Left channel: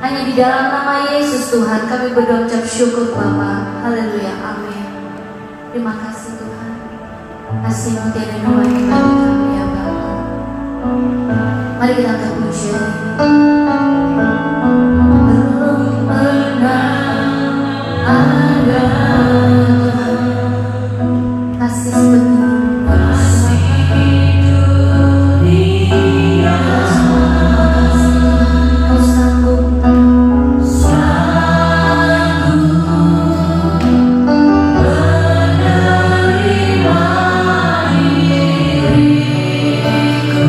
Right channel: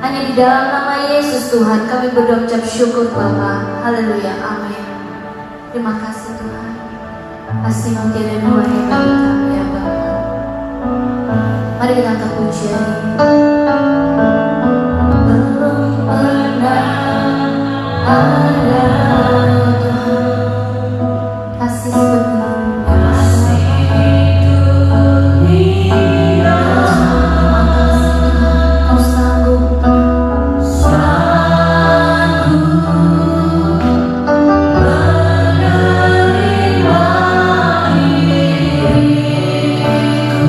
Hanya di dalam nama Yesus Tuhan kami berdoa ucap syukur Bapa. Haleluya, amin. Terima kasih Tuhan. Kasih menjadi melayani bagi kami ya Bapa. Mari kita angkat pujian. Belum pernah ada Tuhan kasih seperti ini.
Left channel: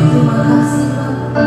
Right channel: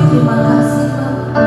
Terima kasih Bapa.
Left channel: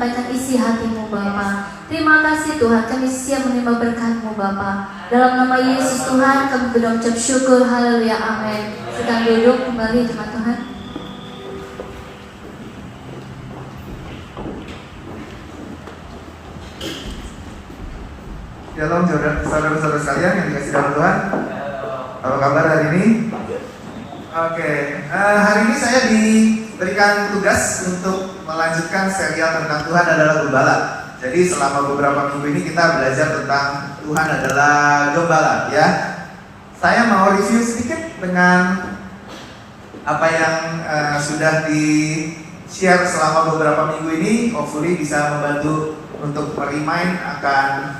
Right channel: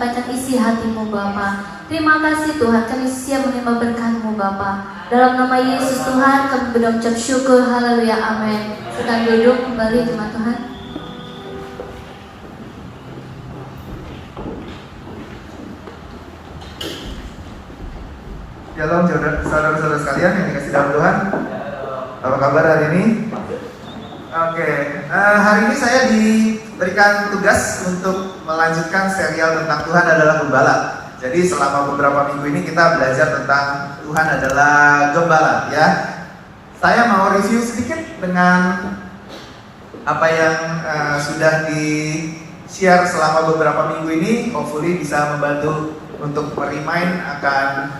menyampaikan isi hatimu Bapa. Terima kasih Tuhan, kami siap menerima berkat-Mu Bapa. Dalam nama Yesus Tuhan kami berucap syukur, haleluya, amin. Sedang duduk kembali jemaat Tuhan. Shalom saudara-saudara sekalian yang dikasih dalam Tuhan. Apa kabar hari ini? Oke, hari ini saya diberikan tugas untuk melanjutkan serial tentang Tuhan adalah Gembala. Jadi selama beberapa minggu ini kita belajar tentang Tuhan adalah Gembala, ya. Saya mau review sedikit dengan apa yang sudah di-share selama beberapa minggu ini. Hopefully bisa membantu untuk remind akan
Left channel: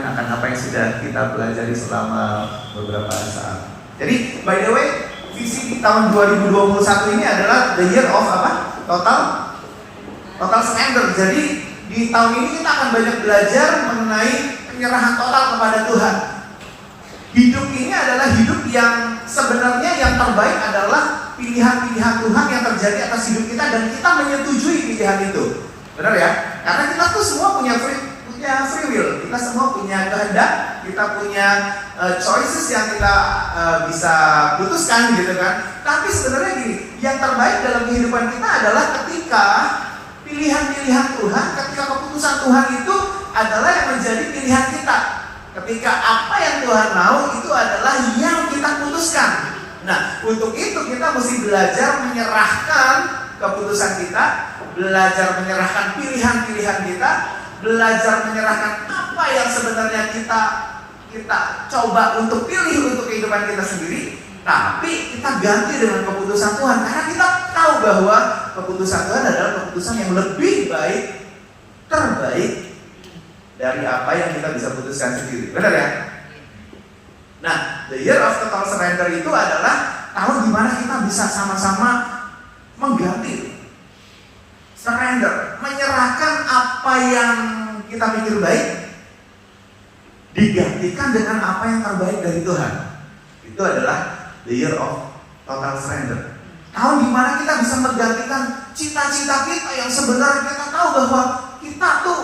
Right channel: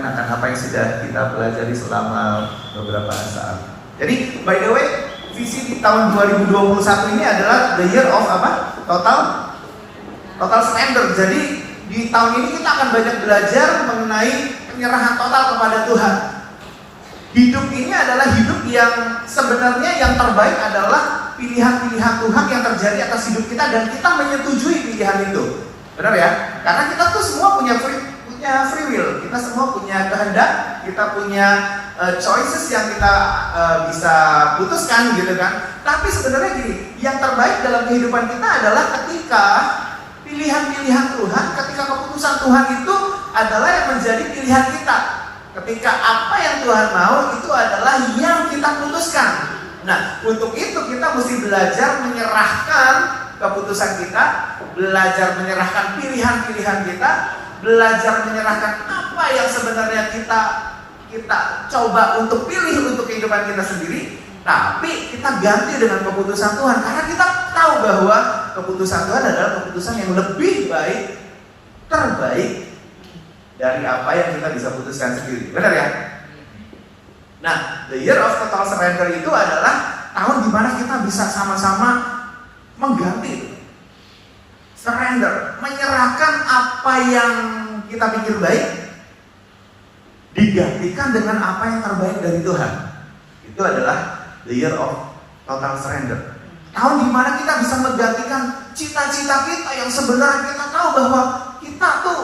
akan apa yang sudah kita pelajari selama beberapa saat. Jadi by the way, visi di tahun 2021 ini adalah the year of apa? Total surrender. Jadi di tahun ini kita akan banyak belajar mengenai penyerahan total kepada Tuhan. Hidup ini adalah hidup yang sebenarnya yang terbaik adalah pilihan-pilihan Tuhan yang terjadi atas hidup kita dan kita menyetujui pilihan itu. Benar ya? Karena kita tuh semua punya free will, kita semua punya kehendak, kita punya choices yang kita bisa putuskan gitu kan. Tapi sebenarnya gini, yang terbaik dalam kehidupan kita adalah ketika pilihan-pilihan Tuhan, ketika keputusan Tuhan itu adalah yang menjadi pilihan kita. Ketika apa yang Tuhan mau itu adalah yang kita putuskan. Nah, untuk itu kita mesti belajar menyerahkan keputusan kita, belajar menyerahkan pilihan-pilihan kita, belajar menyerahkan apa yang sebenarnya kita coba untuk pilih untuk kehidupan kita sendiri, tapi kita ganti dengan keputusan Tuhan karena kita tahu bahwa keputusan Tuhan adalah keputusan yang lebih baik, terbaik dari apa yang kita bisa putuskan sendiri. Benar ya? Nah, the year of total surrender itu adalah tahun dimana kita bisa sama-sama mengganti, surrender, menyerahkan apa yang kita pikir baik, digantikan dengan apa yang terbaik dari Tuhan. Itu adalah the year of total surrender. Tahun dimana kita bisa menggantikan cita-cita kita yang sebenarnya kita tahu bahwa kita tuh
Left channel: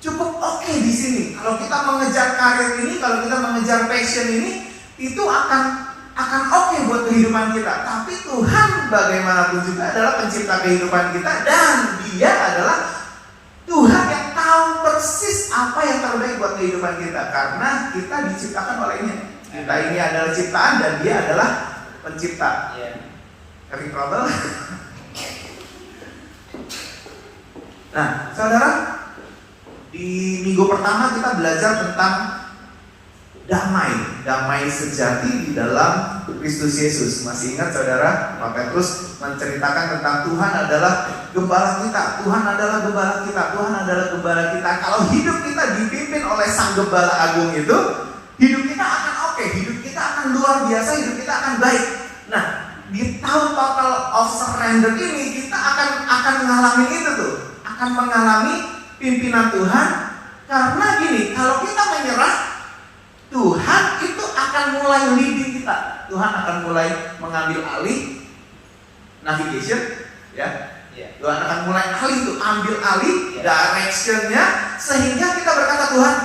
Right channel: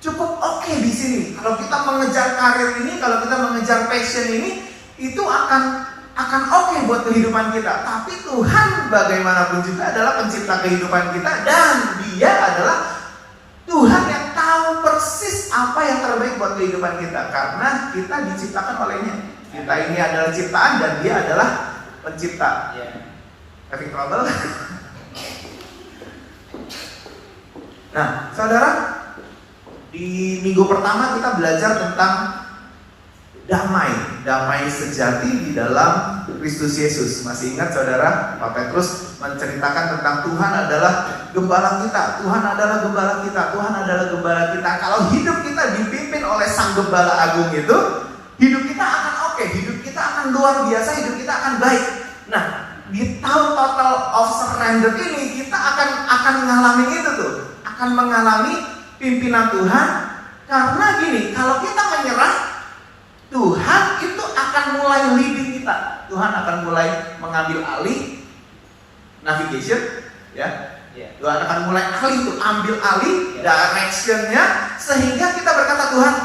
cukup oke di sini. Kalau kita mengejar karir ini, kalau kita mengejar passion ini, itu akan oke buat kehidupan kita. Tapi Tuhan bagaimanapun juga adalah pencipta kehidupan kita dan Dia adalah Tuhan yang tahu persis apa yang terbaik buat kehidupan kita karena kita diciptakan olehnya. Kita ini adalah ciptaan dan Dia adalah pencipta. Having trouble? Nah, saudara, di minggu pertama kita belajar tentang damai sejati di dalam Kristus Yesus. Masih ingat saudara? Pak Petrus menceritakan tentang Tuhan adalah gembala kita. Tuhan adalah gembala kita. Tuhan adalah gembala kita. Kalau hidup kita dipimpin oleh Sang Gembala Agung itu, hidup kita akan oke, hidup kita akan luar biasa, hidup kita akan baik. Nah, di tahun total of surrender ini kita akan mengalami itu tuh, akan mengalami pimpinan Tuhan. Karena gini, kalau kita menyerah, Tuhan itu akan mulai leading kita. Tuhan akan mulai mengambil alih navigation, ya. Tuhan akan mulai ambil alih directionnya, sehingga kita berkata, Tuhan,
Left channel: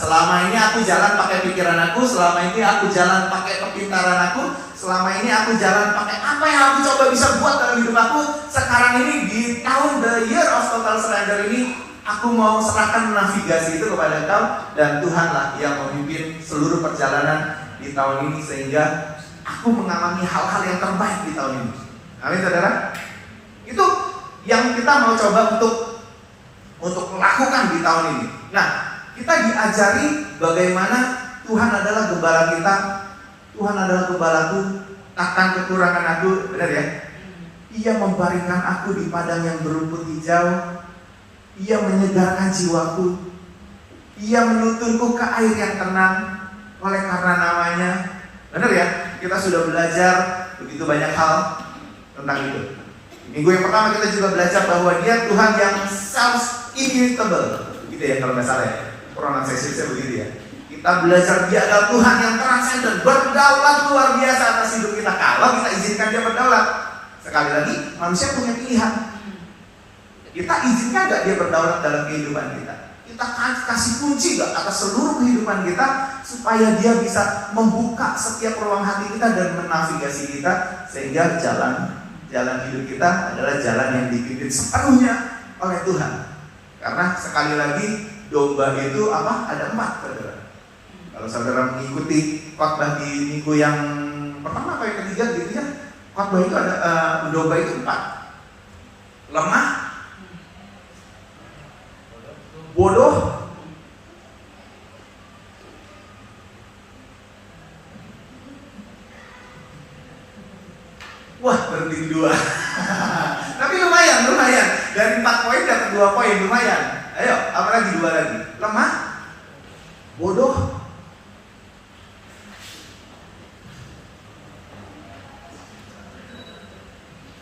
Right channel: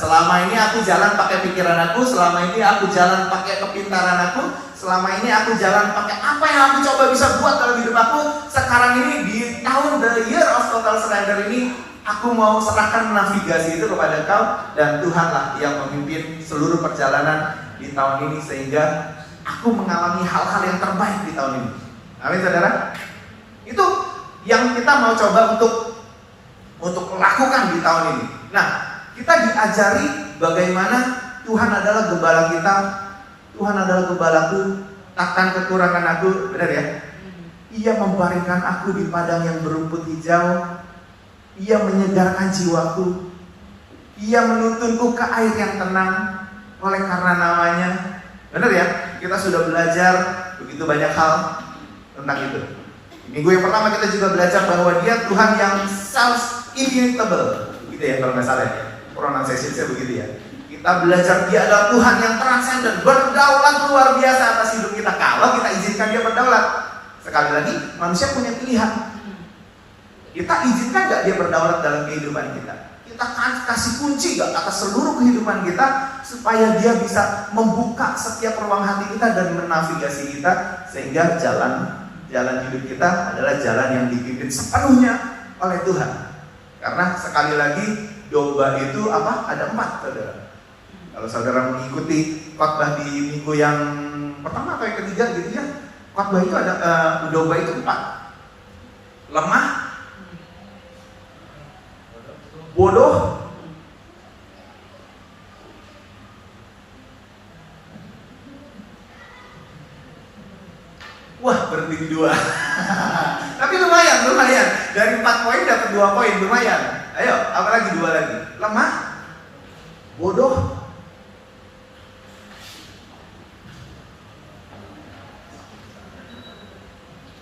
selama ini aku jalan pakai pikiran aku, selama ini aku jalan pakai kepintaran aku, selama ini aku jalan pakai apa yang aku coba bisa buat dalam hidup aku. Sekarang ini di tahun the year of total surrender ini, aku mau serahkan navigasi itu kepada Kau, dan Tuhanlah yang memimpin seluruh perjalanan di tahun ini sehingga aku mengalami hal-hal yang terbaik di tahun ini. Amin, saudara. Itu yang kita mau coba untuk lakukan di tahun ini. Nah, kita diajari bagaimana Tuhan adalah gembala kita. Tuhan adalah gembalaku, takkan kekurangan aku. Benar ya? Ia membaringkan aku di padang yang berumput hijau. Ia menyegarkan jiwaku. Ia menuntunku ke air yang tenang oleh karena namanya. Benar ya? Kita sudah belajar begitu banyak hal tentang itu. Di minggu yang pertama kita juga belajar bahwa Dia Tuhan yang self-immutable. Gitu ya kalau nggak salah ya. Pronunciation saya begitu ya. Kita belajar Dia adalah Tuhan yang transenden, berdaulat luar biasa atas hidup kita. Kalau kita izinkan Dia berdaulat. Sekali lagi, manusia punya pilihan. Kita izinkan gak dia berdaulat dalam kehidupan kita? Kita kasih kunci gak atas seluruh kehidupan kita supaya dia bisa membuka setiap ruang hati kita dan menavigasi kita sehingga jalan hidup kita adalah jalan yang dipimpin sepenuhnya oleh Tuhan. Karena sekali lagi domba itu apa? Ada 4, saudara. Kalau saudara mengikuti khotbah di minggu yang pertama atau yang ketiga gitu ya, khotbah itu ada domba itu 4. Lemah, bodoh, wah berhenti di 2. Tapi lumayan. Dari 4 poin dapat 2 poin, lumayan. Ayo, apa lagi? 2 lagi. Lemah, bodoh,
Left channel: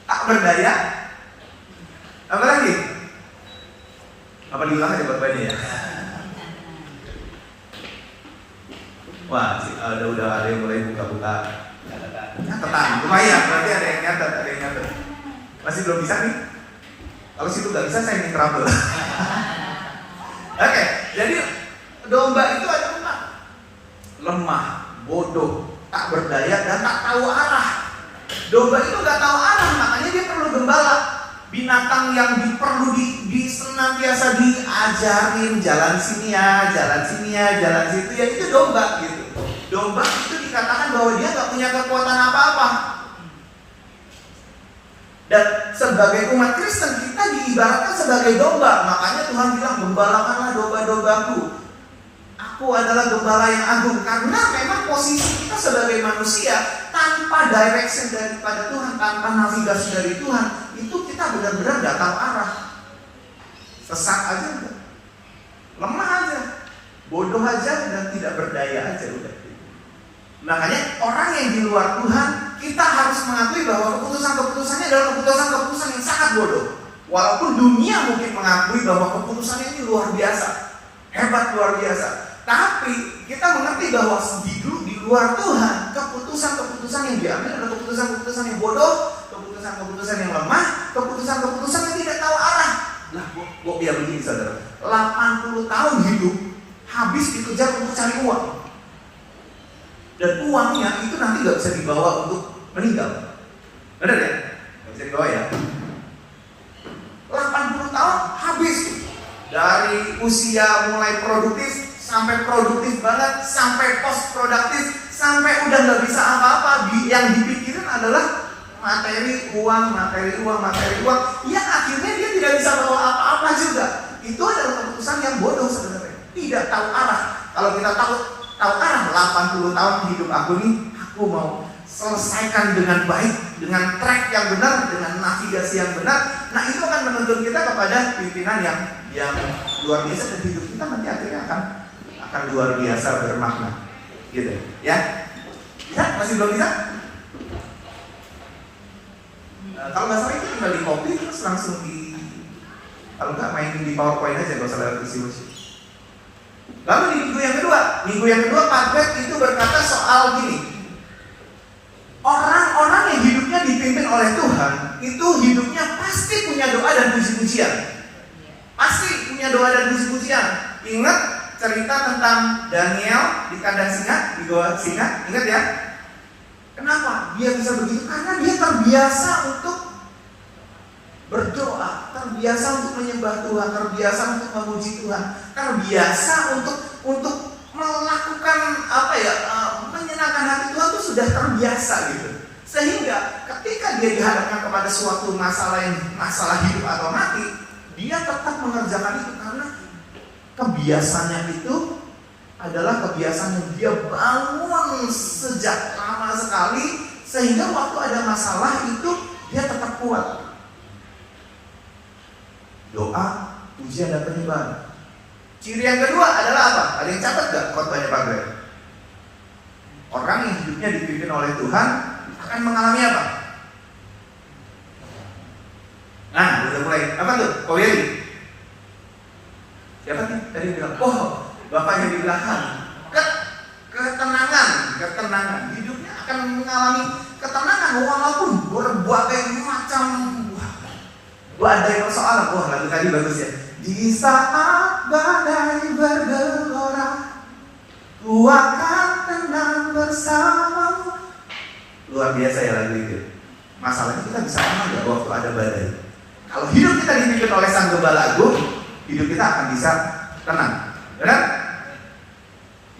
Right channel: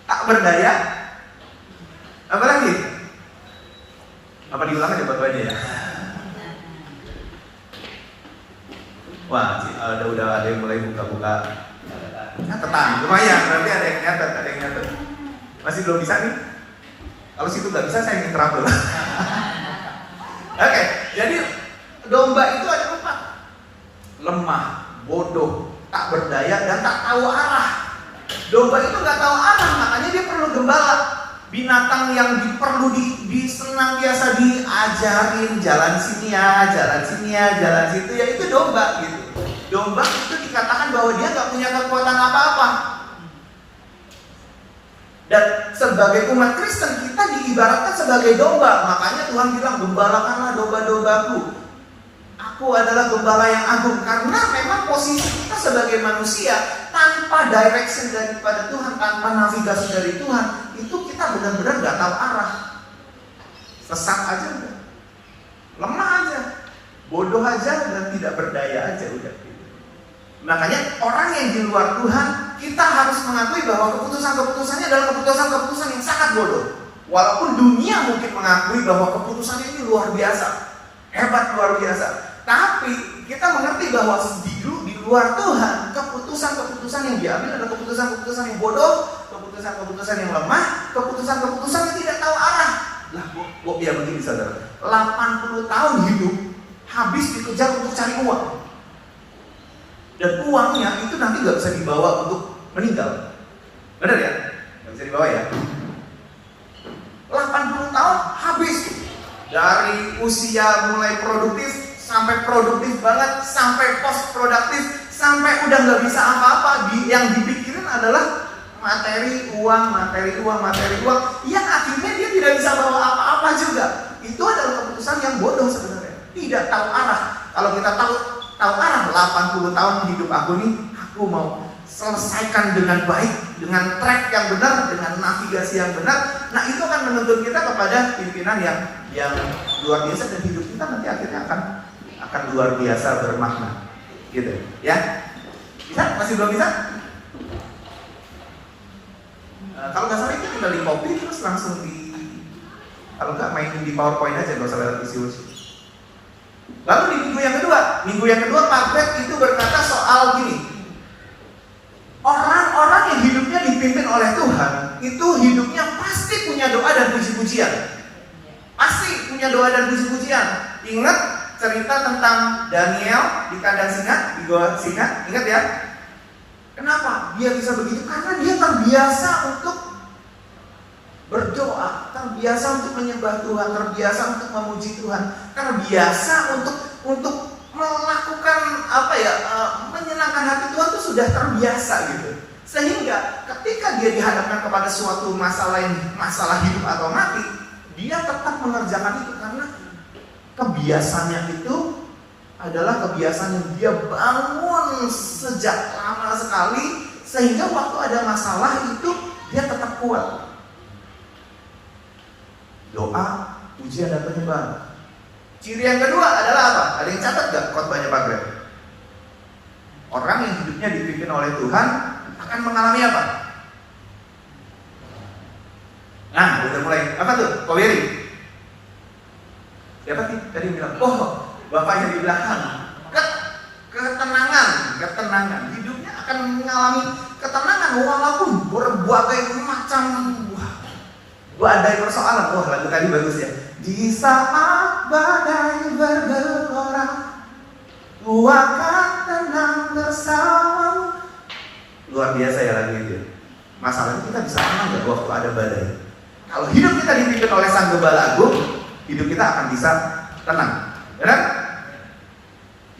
tak berdaya. Apa lagi? Apa diulang ya Bapak ya? Wah, udah ada yang mulai buka-buka. Catatan, lumayan. Berarti ada yang nyatet. Masih belum bisa nih? Kalau situ nggak bisa, saya ingin trouble. Oke, jadi domba itu ada 4. Lemah, bodoh, tak berdaya, dan tak tahu arah. Domba itu nggak tahu arah, makanya dia perlu gembala. Binatang yang perlu senantiasa diajarin jalan sini ya, jalan situ ya, itu domba gitu. Domba itu dikatakan bahwa dia nggak punya kekuatan apa-apa. Dan sebagai umat Kristen kita diibaratkan sebagai domba. Makanya Tuhan bilang, gembalakanlah domba-dombaku. Aku adalah gembala yang agung. Karena memang posisi kita sebagai manusia tanpa direction daripada Tuhan, tanpa navigasi dari Tuhan, itu kita benar-benar gak tahu arah. Sesat aja udah, lemah aja, bodoh aja, dan tidak berdaya aja udah. Makanya orang yang di luar Tuhan, kita harus mengakui bahwa keputusan-keputusannya adalah keputusan-keputusan yang sangat bodoh. Walaupun dunia mungkin mengakui bahwa keputusannya ini luar biasa, hebat, luar biasa. Tapi kita mengerti bahwa di luar Tuhan, keputusan-keputusan yang diambil adalah keputusan-keputusan yang bodoh, keputusan-keputusan yang lemah, keputusan-keputusan yang tidak tahu arah. Lah, kok biar begini saudara, 80 tahun hidup habis dikejar untuk cari uang. Dan uangnya itu nanti gak bisa dibawa untuk meninggal. Benar ya? Gak bisa dibawa ya? 80 tahun habis. Dari usia mulai produktif sampai produktif banget, sampai post produktif, sampai udah gak bisa apa-apa. Yang dipikirin adalah materi uang. Yang akhirnya dia tidak bisa bawa apa-apa juga. Itu adalah keputusan yang bodoh sebenarnya. Tidak tahu arah. Kalau kita tahu arah, 80 tahun hidup aku nih, aku mau selesaikan dengan baik, dengan track yang benar, dengan navigasi yang benar. Nah, itu akan menuntun kita kepada pimpinan yang luar biasa, dan hidup kita nanti akhirnya akan luar biasa bermakna. Gitu, ya. Bisa? Masih belum bisa? Kalau nggak salah kita tinggal di copy terus langsung kalau nggak main di PowerPoint aja, nggak usah lihat kursi. Lalu di minggu yang kedua Pak Greg itu berkata soal gini, orang-orang yang hidupnya dipimpin oleh Tuhan itu hidupnya pasti punya doa dan puji-pujian. Pasti punya doa dan puji-pujian. Ingat cerita tentang Daniel di kandang singa, di gua singa, ingat ya? Kenapa dia bisa begitu? Karena dia terbiasa untuk berdoa, terbiasa untuk menyembah Tuhan, terbiasa untuk memuji Tuhan, terbiasa untuk melakukan menyenangkan hati Tuhan itu sudah terbiasa gitu. Sehingga ketika dia dihadapkan kepada suatu masalah hidup atau mati, dia tetap mengerjakan itu karena kebiasaannya itu adalah kebiasaan yang dia bangun sejak lama sekali, sehingga waktu ada masalah itu dia tetap kuat. Doa, pujian dan penyembahan. Ciri yang kedua adalah apa? Ada yang catat gak khotbahnya Pak Greg? Orang yang hidupnya dipimpin oleh Tuhan akan mengalami apa? Nah, udah mulai. Apa tuh? Kau Yeri? Siapa sih? Tadi bilang, Bapak yang di belakang. Ketenangan. Hidupnya akan mengalami ketenangan walaupun berbagai macam badai persoalan. Wah, lagu tadi bagus ya. Di saat badai bergelora, ku akan tenang bersama. Luar biasa ya lagu itu. Masalahnya kita bisa tenang nggak waktu ada badai? Kalau hidup kita dipimpin oleh Sang Gembala Agung, hidup kita akan bisa tenang. Benar?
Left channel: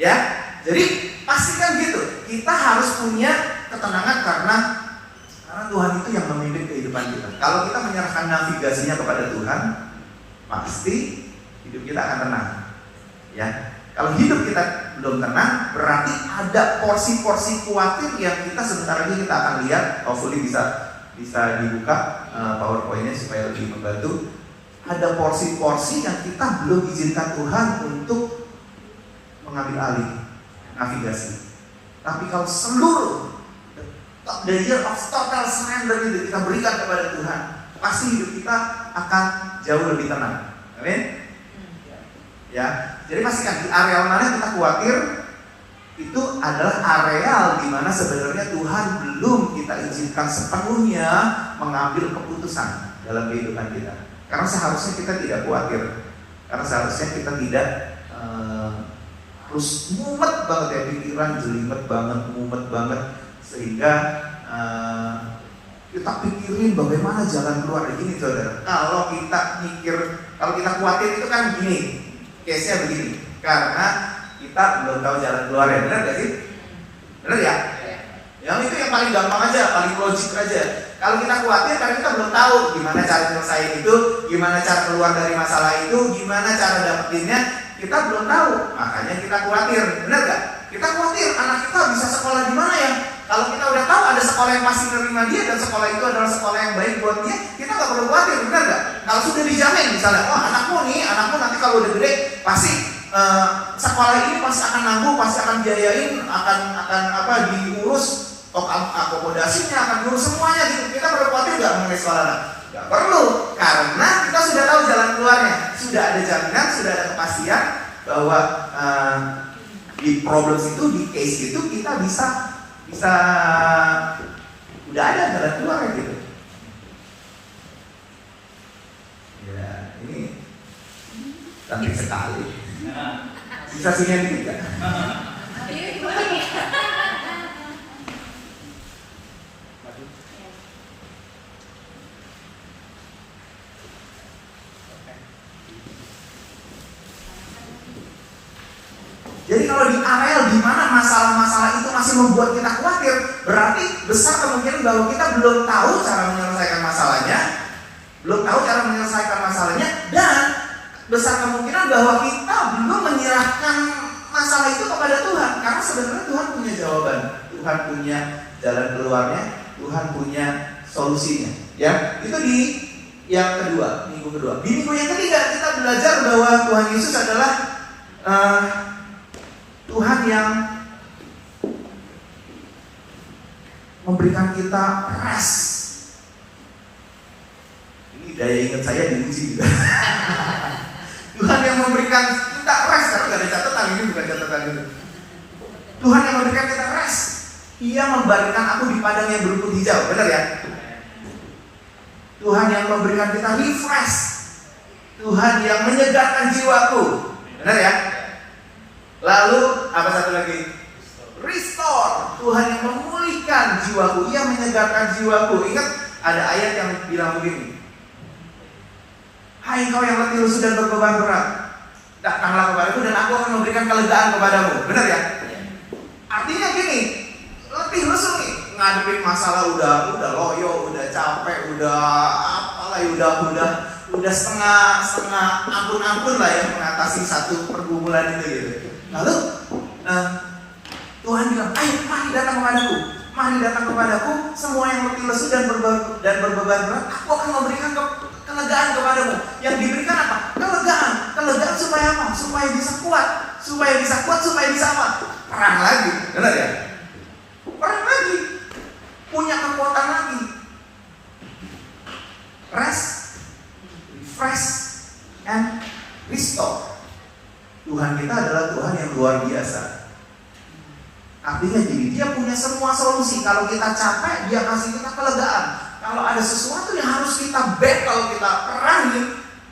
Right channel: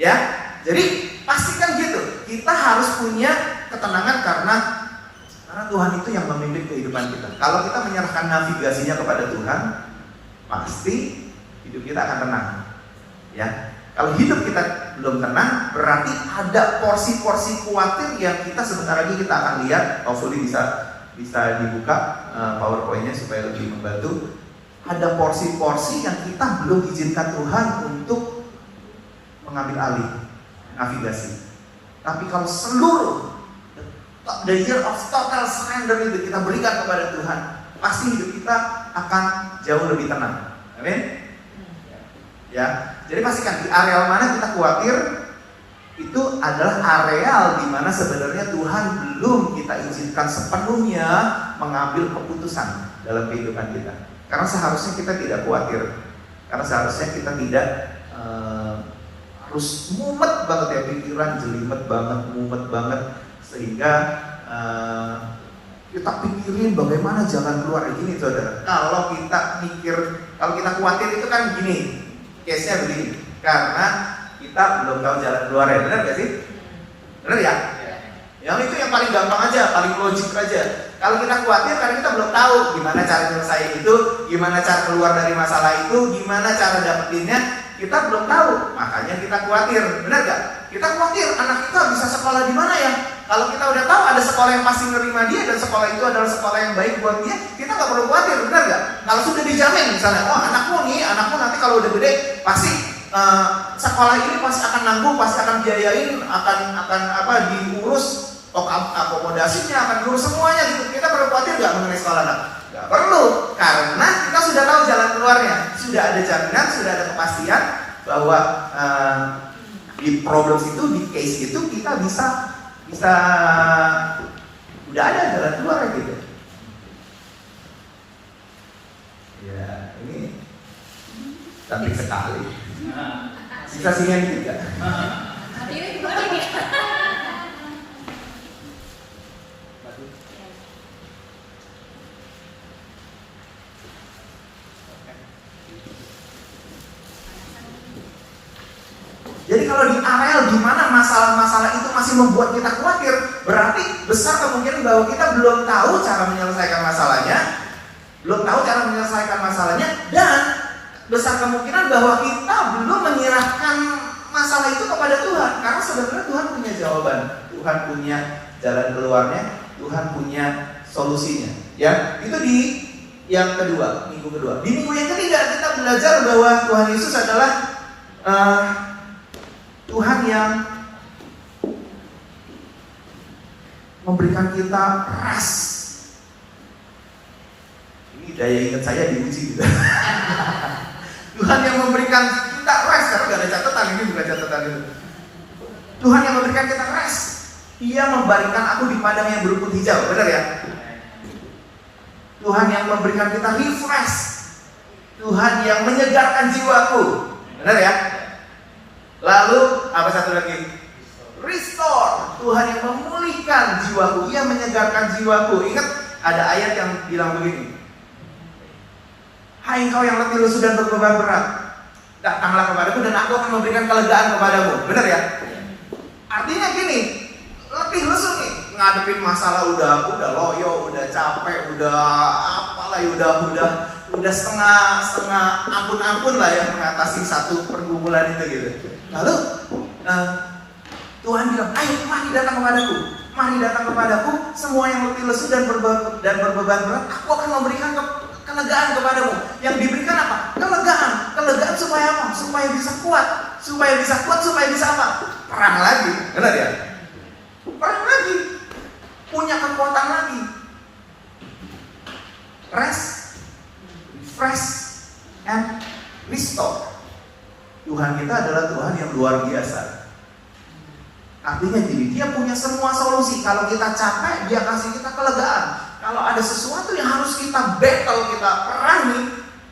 Ya, jadi pastikan gitu. Kita harus punya ketenangan karena Tuhan itu yang memimpin kehidupan kita. Kalau kita menyerahkan navigasinya kepada Tuhan, pasti hidup kita akan tenang. Ya, kalau hidup kita belum tenang, berarti ada porsi-porsi khawatir yang kita sebentar lagi kita akan lihat. Hopefully bisa dibuka PowerPoint-nya supaya lebih membantu. Ada porsi-porsi yang kita belum izinkan Tuhan untuk mengambil alih navigasi. Tapi kalau seluruh the year of total surrender itu kita berikan kepada Tuhan, pasti hidup kita akan jauh lebih tenang. Amin. Ya, jadi pastikan di areal mana kita khawatir, itu adalah areal di mana sebenarnya Tuhan belum kita izinkan sepenuhnya mengambil keputusan dalam kehidupan kita. Karena seharusnya kita tidak khawatir, karena seharusnya kita tidak harus mumet banget ya, pikiran jelimet banget, mumet banget, sehingga kita pikirin bagaimana jalan keluar. Gini saudara, kalau kita khawatir itu kan begini, case-nya begini, karena kita belum tahu jalan keluar ya, benar gak sih? Benar ya? Yang itu yang paling gampang aja, paling logik aja. Kalau kita khawatir karena kita belum tahu gimana cara menyelesaikan itu, gimana cara keluar dari masalah itu, gimana cara dapetinnya, kita belum tahu, makanya kita khawatir, benar gak? Kita khawatir anak kita bisa sekolah di mana ya? Kalau kita udah tahu ada sekolah yang pasti menerima dia dan sekolah itu adalah sekolah yang baik buat dia, kita nggak perlu khawatir, benar nggak? Kalau sudah dijamin misalnya, wah anakmu nanti kalau udah gede pasti sekolah ini pasti akan nanggung, pasti akan biayain, akan diurus, akomodasinya akan diurus semuanya gitu. Kita perlu khawatir nggak mengenai sekolah? Nggak perlu, karena kita sudah tahu jalan keluarnya, sudah ada jaminan, sudah ada kepastian bahwa di problem itu, di case itu kita bisa udah ada jalan keluar gitu. Ya, ini cantik sekali. Bisa singin dikit gak? Jadi kalau di areal di mana masalah-masalah itu masih membuat kita khawatir, berarti besar kemungkinan bahwa kita belum tahu cara menyelesaikan masalahnya, dan besar kemungkinan bahwa kita belum menyerahkan masalah itu kepada Tuhan, karena sebenarnya Tuhan punya jawaban, Tuhan punya jalan keluarnya, Tuhan punya solusinya. Ya, itu di yang kedua, minggu kedua. Di minggu yang ketiga kita belajar bahwa Tuhan Yesus adalah Tuhan yang memberikan kita rest. Ini daya ingat saya diuji juga. Tuhan yang memberikan kita rest, karena gak ada catatan, ini bukan catatan dulu. Tuhan yang memberikan kita rest. Ia membaringkan aku di padang yang berumput hijau, benar ya? Tuhan yang memberikan kita refresh. Tuhan yang menyegarkan jiwaku, benar ya? Lalu apa satu lagi? Restore. Tuhan yang memulihkan jiwaku, Ia menyegarkan jiwaku. Ingat ada ayat yang bilang begini, hai kau yang letih lesu dan berbeban berat, datanglah kepadaku dan aku akan memberikan kelegaan kepadamu. Benar ya? Artinya gini, letih lesu nih, ngadepin masalah udah loyo, udah capek, udah apalah, udah setengah ampun-ampun lah ya mengatasi satu pergumulan itu gitu. Lalu Tuhan bilang, ayo mari datang kepadaku, semua yang letih lesu dan berbeban berat, aku akan memberikan kelegaan kepadamu. Yang diberikan apa? Kelegaan supaya apa? Supaya bisa kuat, supaya bisa apa? Perang lagi, benar ya? Perang lagi, punya kekuatan lagi. Rest, refresh, and restore. Tuhan kita adalah Tuhan yang luar biasa. Artinya gini, Dia punya semua solusi. Kalau kita capek, Dia kasih kita kelegaan. kalau ada sesuatu yang harus kita battle, kita perangi,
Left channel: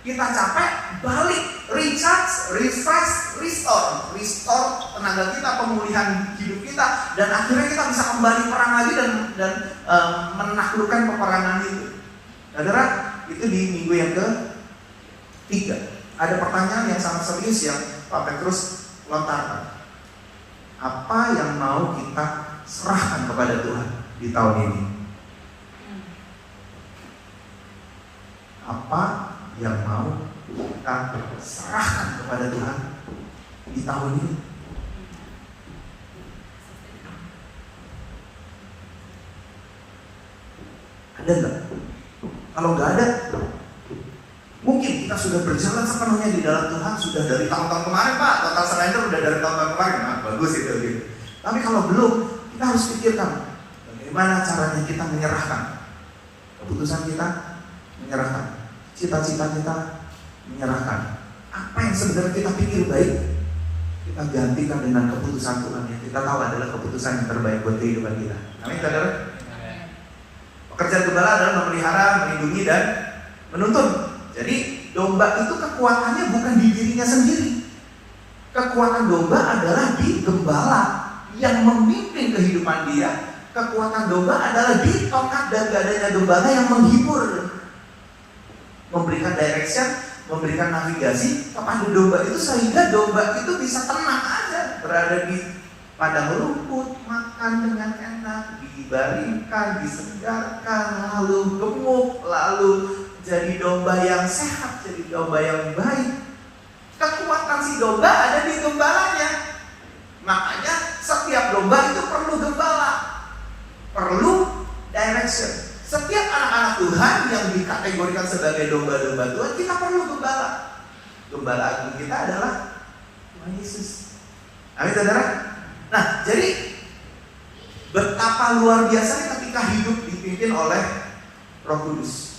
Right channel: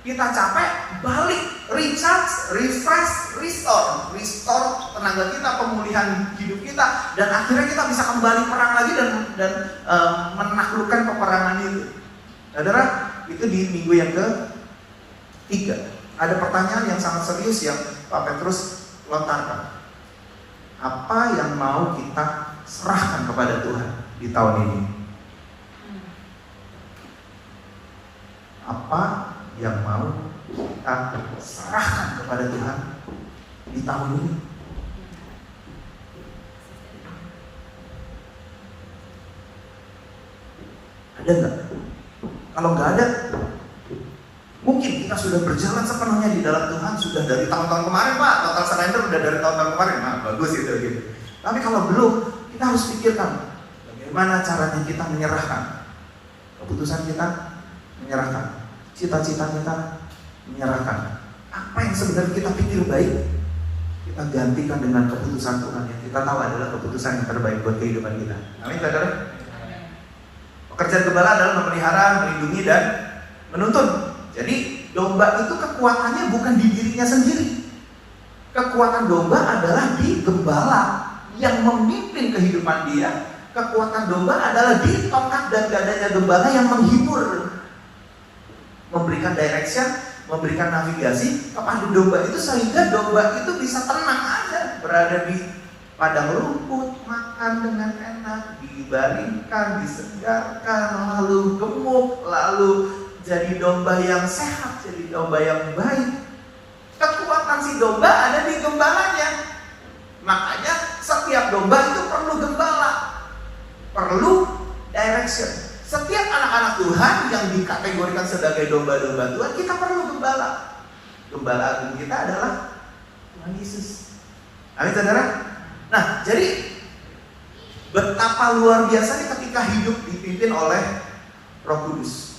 kita capek, balik, recharge, refresh, restore tenaga kita, pemulihan hidup kita, dan akhirnya kita bisa kembali perang lagi dan menaklukkan peperangan itu. Saudara, itu di minggu yang ke-3 ada pertanyaan yang sangat serius yang Pak Petrus lontarkan. Apa yang mau kita serahkan kepada Tuhan di tahun ini? Apa yang mau kita serahkan kepada Tuhan di tahun ini? Ada nggak? Kalau nggak ada, mungkin kita sudah berjalan sepenuhnya di dalam Tuhan, sudah dari tahun-tahun kemarin, Pak. Total surrender udah dari tahun-tahun kemarin. Nah, bagus itu gitu. Tapi kalau belum, kita harus pikirkan bagaimana caranya kita menyerahkan keputusan kita, menyerahkan cita-cita kita, menyerahkan apa yang sebenarnya kita pikir baik, kita gantikan dengan keputusan Tuhan yang kita tahu adalah keputusan yang terbaik buat kehidupan kita. Amin, saudara. Pekerjaan gembala adalah memelihara, melindungi, dan menuntun. Jadi domba itu kekuatannya bukan di dirinya sendiri. Kekuatan domba adalah di gembala yang memimpin kehidupan dia. Kekuatan domba adalah di tongkat dan dadanya gembala yang menghibur, memberikan direction, memberikan navigasi kepada domba itu, sehingga domba itu bisa tenang aja berada di padang rumput, makan dengan enak, dibaringkan, disegarkan, lalu gemuk, lalu jadi domba yang sehat, jadi domba yang baik. Kekuatan si domba ada di gembalanya. Makanya setiap domba itu perlu gembala, perlu direction. Setiap anak-anak Tuhan yang dikategorikan sebagai domba-domba Tuhan, kita perlu gembala. Gembala agung kita adalah Tuhan Yesus. Amin, saudara. Nah, jadi betapa luar biasanya ketika hidup dipimpin oleh Roh Kudus.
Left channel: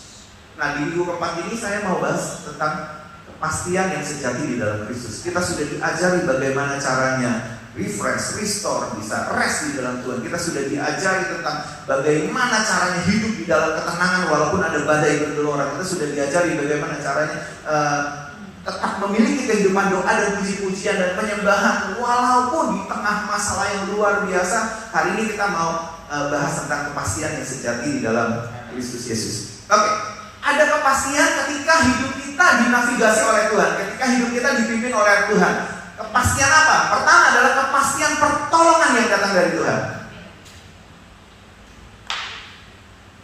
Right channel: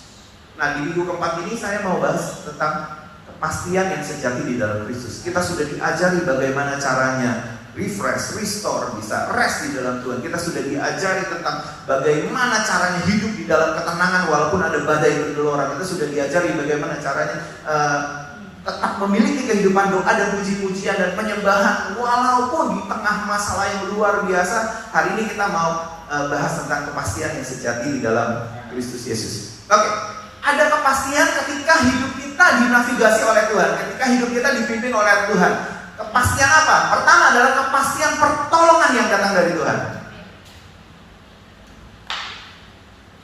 Nah, di minggu keempat ini saya mau bahas tentang kepastian yang sejati di dalam Kristus. Kita sudah diajari bagaimana caranya refresh, restore, bisa rest di dalam Tuhan. Kita sudah diajari tentang bagaimana caranya hidup di dalam ketenangan walaupun ada badai bergelora. Kita sudah diajari bagaimana caranya tetap memiliki kehidupan doa dan puji-pujian dan penyembahan walaupun di tengah masalah yang luar biasa. Hari ini kita mau bahas tentang kepastian yang sejati di dalam Kristus Yesus. Oke, ada kepastian ketika hidup kita dinavigasi oleh Tuhan, ketika hidup kita dipimpin oleh Tuhan. Kepastian apa? Pertama adalah kepastian pertolongan yang datang dari Tuhan.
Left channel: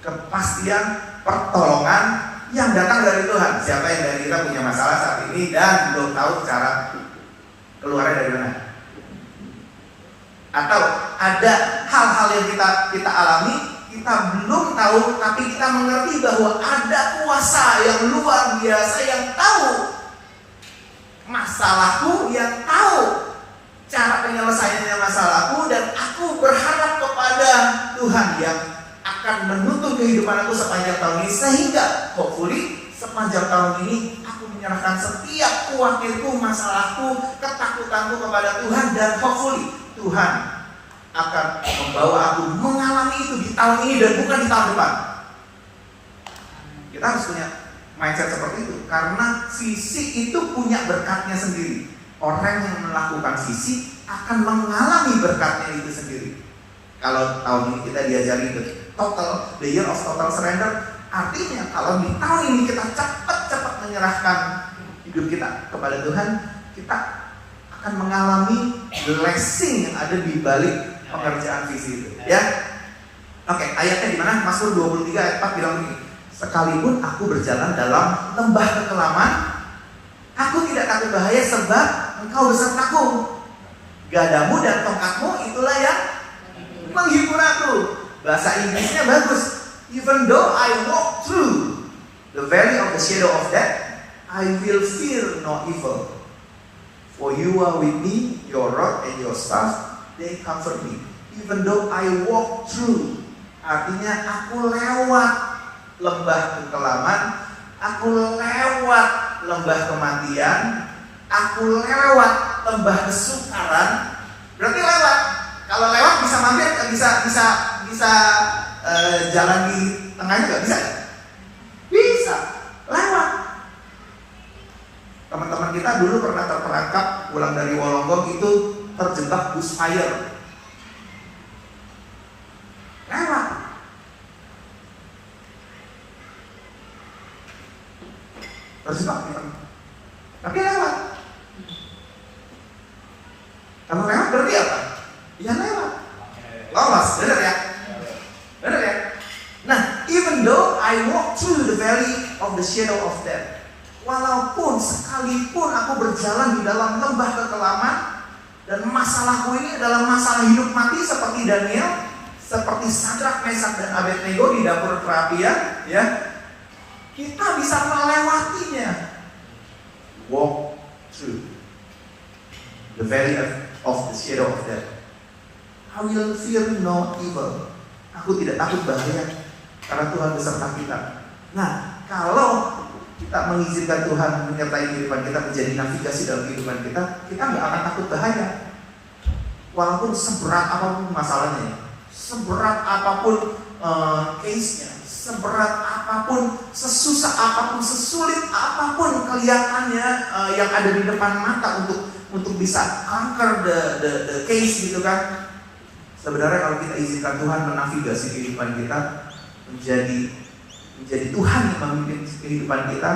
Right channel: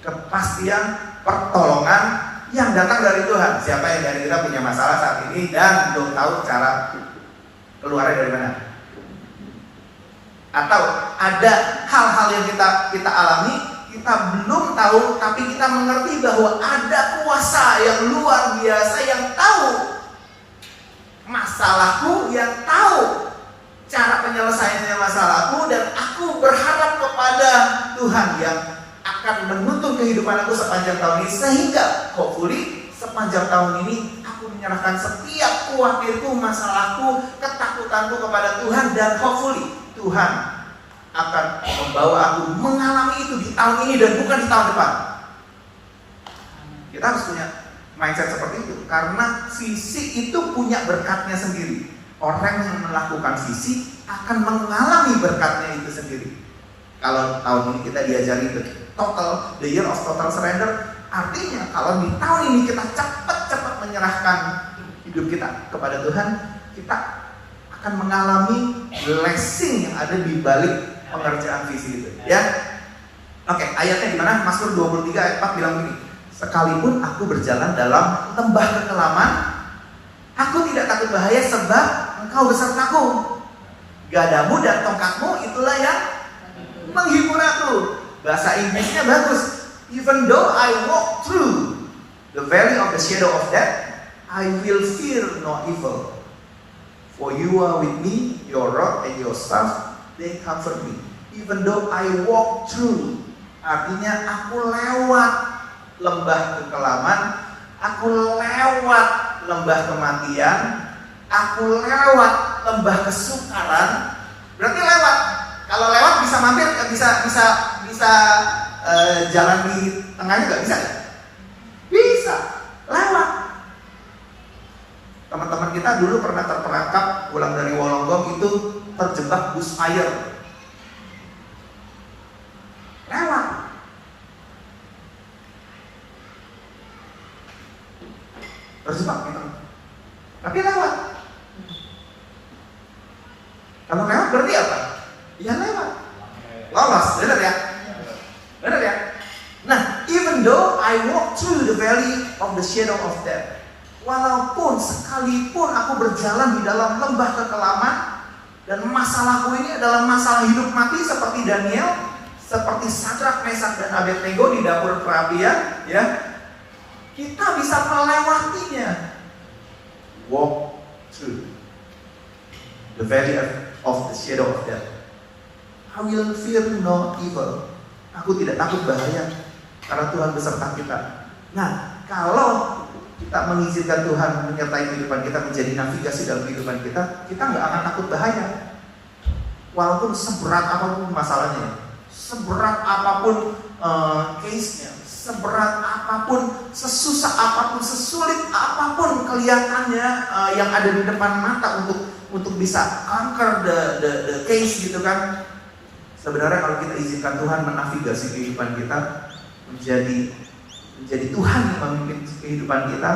Kepastian pertolongan yang datang dari Tuhan. Siapa yang kira-kira punya masalah saat ini dan belum tahu cara keluarnya dari mana? Atau ada hal-hal yang kita alami, kita belum tahu, tapi kita mengerti bahwa ada kuasa yang luar biasa yang tahu masalahku, yang tahu cara penyelesaiannya masalahku, dan aku berharap kepada Tuhan yang akan menuntun kehidupan aku sepanjang tahun ini, sehingga hopefully sepanjang tahun ini aku menyerahkan setiap khawatirku, masalahku, ketakutanku kepada Tuhan, dan hopefully Tuhan akan membawa aku mengalami itu di tahun ini dan bukan di tahun depan. Kita harus punya mindset seperti itu, karena sisi itu punya berkatnya sendiri. Orang yang melakukan sisi akan mengalami berkatnya itu sendiri. Kalau tahun ini kita diajari the year of total surrender, artinya kalau di tahun ini kita cepat-cepat menyerahkan hidup kita kepada Tuhan, kita akan mengalami blessing yang ada di balik pengerjaan visi itu. Ya, oke, ayatnya di mana? Mazmur 23 ayat 4 bilang begini. Sekalipun aku berjalan dalam lembah kekelaman, aku tidak takut bahaya sebab Engkau besertaku. Gadamu dan tongkatmu itulah yang menghibur aku. Bahasa Inggrisnya bagus. Even though I walk through the valley of the shadow of death, I will fear no evil. For you are with me, your rod and your staff, they comfort me. Even though I walk through, artinya aku lewat lembah kekelaman, aku lewat lembah kematian, aku lewat lembah kesukaran. Berarti lewat. Kalau lewat bisa mampir, bisa jalan di tengahnya nggak bisa ya? Bisa, lewat. Teman-teman kita dulu pernah terperangkap pulang dari Wolonggong itu terjebak bus air. Lewat. Terjebak gitu. Tapi lewat. Kamu lewat berarti apa? Ya lewat. Lolos, benar ya? Benar ya? Nah, even though I walk through the valley of the shadow of death, walaupun sekalipun aku berjalan di dalam lembah kekelaman, dan masalahku ini adalah masalah hidup mati seperti Daniel, seperti Sadrak, Mesak, dan Abednego di dapur perapian, ya, kita bisa melewatinya. Walk through the valley of the shadow of death. I will fear no evil. Aku tidak takut bahaya karena Tuhan beserta kita. Nah, kalau kita mengizinkan Tuhan menyertai kehidupan kita, menjadi navigasi dalam kehidupan kita, kita nggak akan takut bahaya. Walaupun seberat apapun masalahnya, seberat apapun case-nya, seberat apapun, sesusah apapun, sesulit apapun kelihatannya yang ada di depan mata untuk bisa conquer the case gitu kan. Sebenarnya kalau kita izinkan Tuhan menavigasi kehidupan kita, menjadi Tuhan yang memimpin kehidupan kita,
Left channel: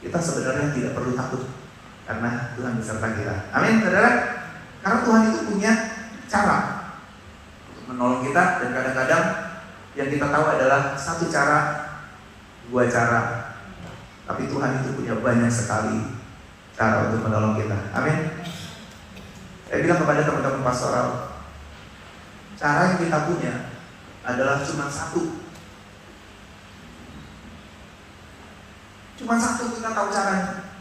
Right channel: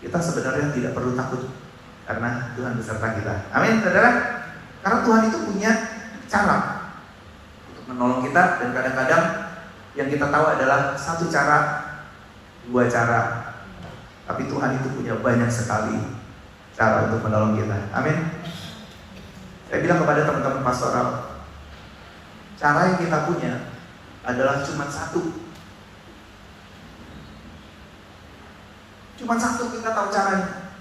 kita sebenarnya tidak perlu takut karena Tuhan beserta kita. Amin, saudara. Karena Tuhan itu punya cara untuk menolong kita, dan kadang-kadang yang kita tahu adalah satu cara, dua cara, tapi Tuhan itu punya banyak sekali cara untuk menolong kita. Amin. Saya bilang kepada teman-teman pastoral, cara yang kita punya adalah cuma satu. Cuma satu, kita tahu caranya.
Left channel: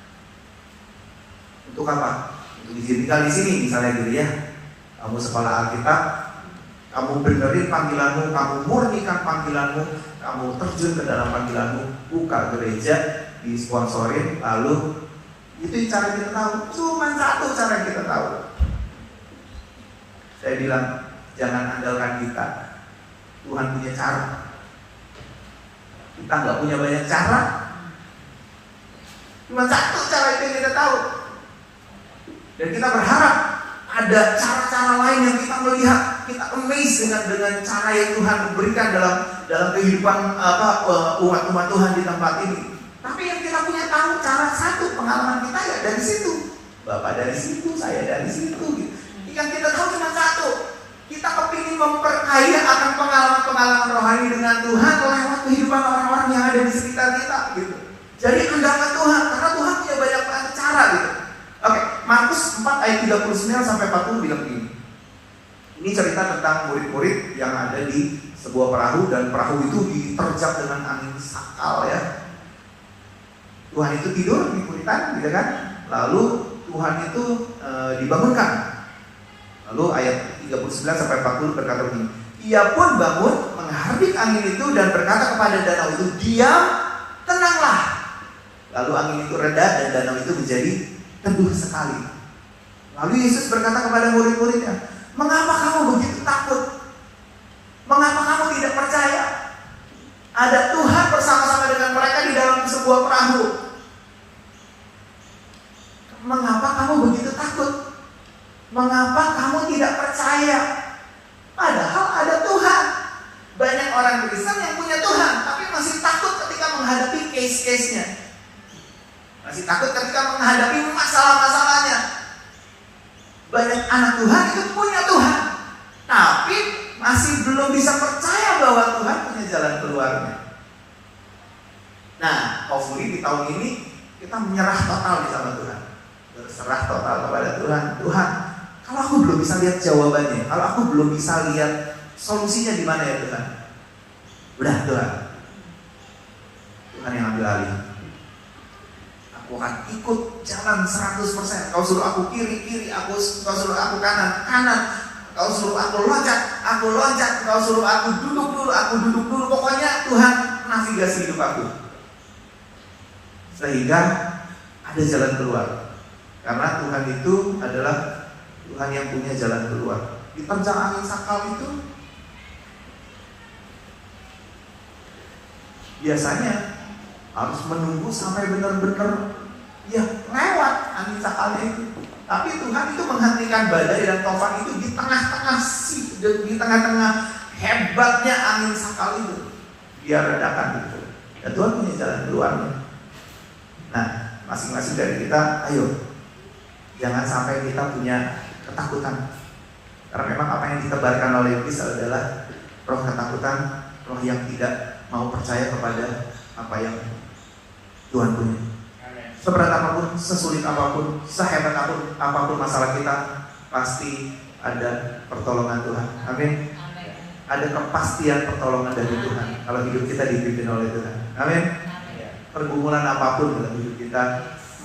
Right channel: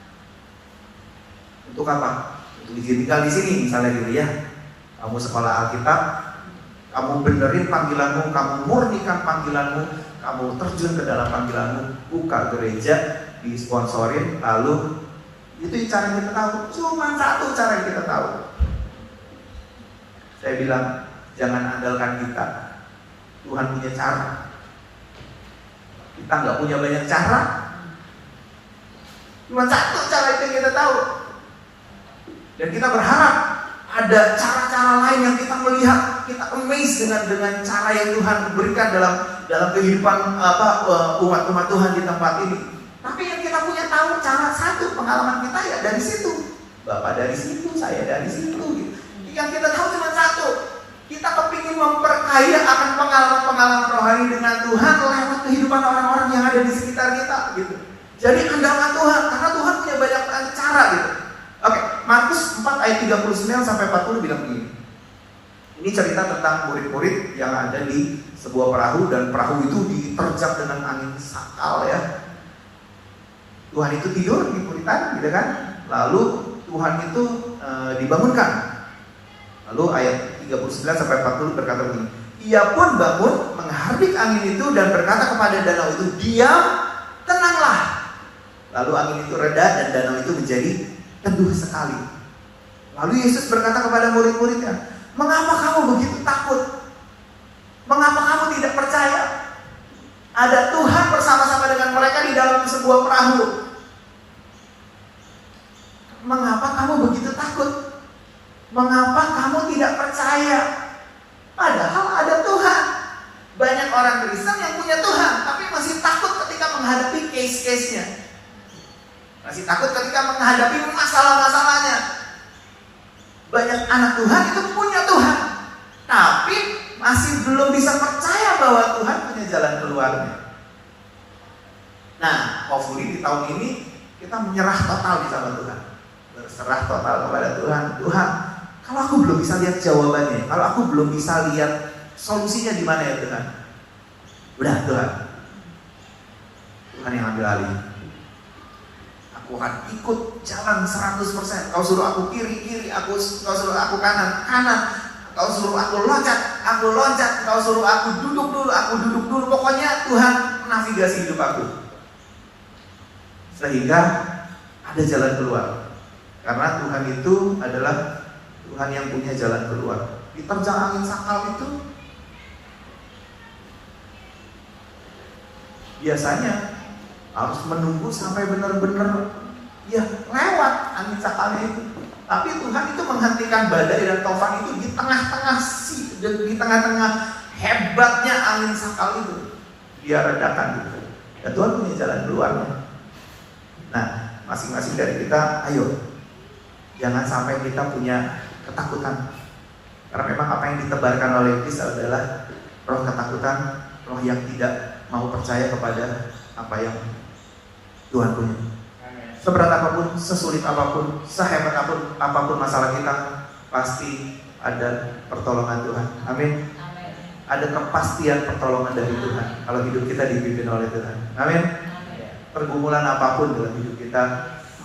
Untuk apa? Untuk tinggal di sini misalnya gitu ya. Kamu sekolah Alkitab, kamu benerin panggilanmu, kamu murnikan panggilanmu, kamu terjun ke dalam panggilanmu, buka gereja, disponsorin, lalu itu cara yang kita tahu. Cuma satu cara yang kita tahu. Saya bilang, jangan andalkan kita. Tuhan punya cara. Kita nggak punya banyak cara. Cuma satu cara itu yang kita tahu. Dan kita berharap ada cara-cara lain yang kita melihat, kita amazed dengan cara yang Tuhan berikan dalam kehidupan umat Tuhan di tempat ini. Tapi yang kita punya tahu cara satu, pengalaman kita ya dari situ. Bapak dari situ, saya dari situ. Yang kita tahu cuma satu. Kita kepingin memperkaya akan pengalaman-pengalaman rohani dengan Tuhan lewat kehidupan orang-orang yang ada di sekitar kita gitu. Jadi kendalikan Tuhan, karena Tuhan punya banyak cara gitu. Oke, Markus 4 ayat 39 sampai 40 bilang begini. Ini cerita tentang murid-murid yang ada di sebuah perahu, dan perahu itu diterjang dengan angin sakal ya. Tuhan itu tidur di puritan, gitu kan? Lalu Tuhan itu dibangunkan. Lalu ayat 39 sampai 40 berkata begini. Ia pun bangun, menghardik angin itu dan berkata kepada danau itu, diam, tenanglah. Lalu angin itu reda dan danau itu menjadi teduh sekali. Lalu Yesus berkata kepada murid-muridnya, mengapa kamu begitu takut? Mengapa kamu tidak percaya? Ada Tuhan bersama-sama dengan mereka di dalam sebuah perahu. Mengapa kamu begitu takut? Mengapa kamu tidak percaya? Padahal ada Tuhan. Banyak orang Kristen yang punya Tuhan, tapi masih takut ketika menghadapi case-case-nya. Masih takut ketika menghadapi masalah-masalahnya. Banyak anak Tuhan itu punya Tuhan, tapi masih belum bisa percaya bahwa Tuhan punya jalan keluarnya. Nah, hopefully di tahun ini kita menyerah total di sama Tuhan. Berserah total kepada Tuhan. Tuhan, kalau aku belum bisa lihat jawabannya, kalau aku belum bisa lihat solusinya di mana ya Tuhan? Udah Tuhan, Tuhan yang ambil alih. Aku akan ikut jalan 100%. Kau suruh aku kiri, kau suruh aku kanan. Kau suruh aku loncat. Kau suruh aku duduk dulu. Pokoknya Tuhan navigasi hidup aku. Sehingga ada jalan keluar. Karena Tuhan itu adalah Tuhan yang punya jalan keluar. Diterjang angin sakal itu, biasanya harus menunggu sampai benar-benar ya lewat angin sakalnya itu. Tapi Tuhan itu menghentikan badai dan tofan itu di tengah-tengah hebatnya angin sakal itu. Dia redakan itu. Dan Tuhan punya jalan keluarnya. Nah, masing-masing dari kita, ayo jangan sampai kita punya ketakutan. Karena memang apa yang ditebarkan oleh iblis adalah roh ketakutan, roh yang tidak mau percaya kepada apa yang Tuhan punya. Seberat apapun, sesulit apapun, sehebat apapun masalah kita, pasti ada pertolongan Tuhan. Amin. Ada kepastian pertolongan dari Tuhan kalau hidup kita dipimpin oleh Tuhan. Amin. Pergumulan apapun dalam hidup kita,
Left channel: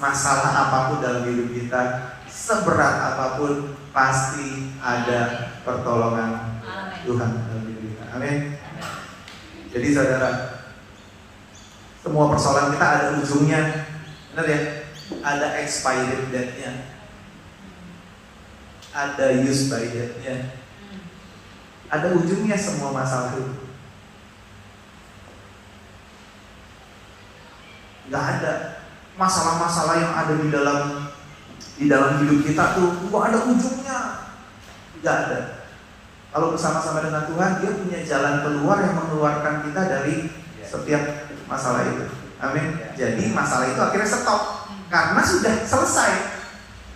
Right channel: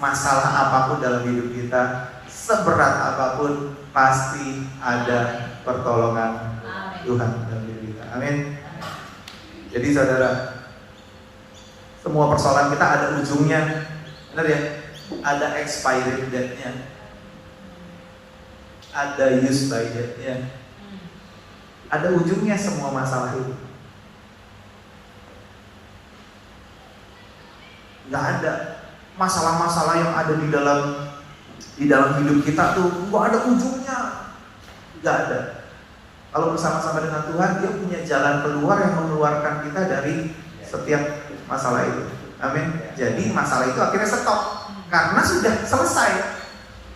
masalah apapun dalam hidup kita, seberat apapun, pasti ada pertolongan Tuhan dalam hidup kita. Amin. Jadi saudara, semua persoalan kita ada ujungnya. Benar ya? Ada expiry date-nya, ada use by date-nya, ada ujungnya semua masalah itu. Gak ada masalah-masalah yang ada di dalam hidup kita tuh gak ada ujungnya. Gak ada. Kalau bersama-sama dengan Tuhan, Dia punya jalan keluar yang mengeluarkan kita dari setiap masalah itu. Amin. Jadi masalah itu akhirnya stop karena sudah selesai.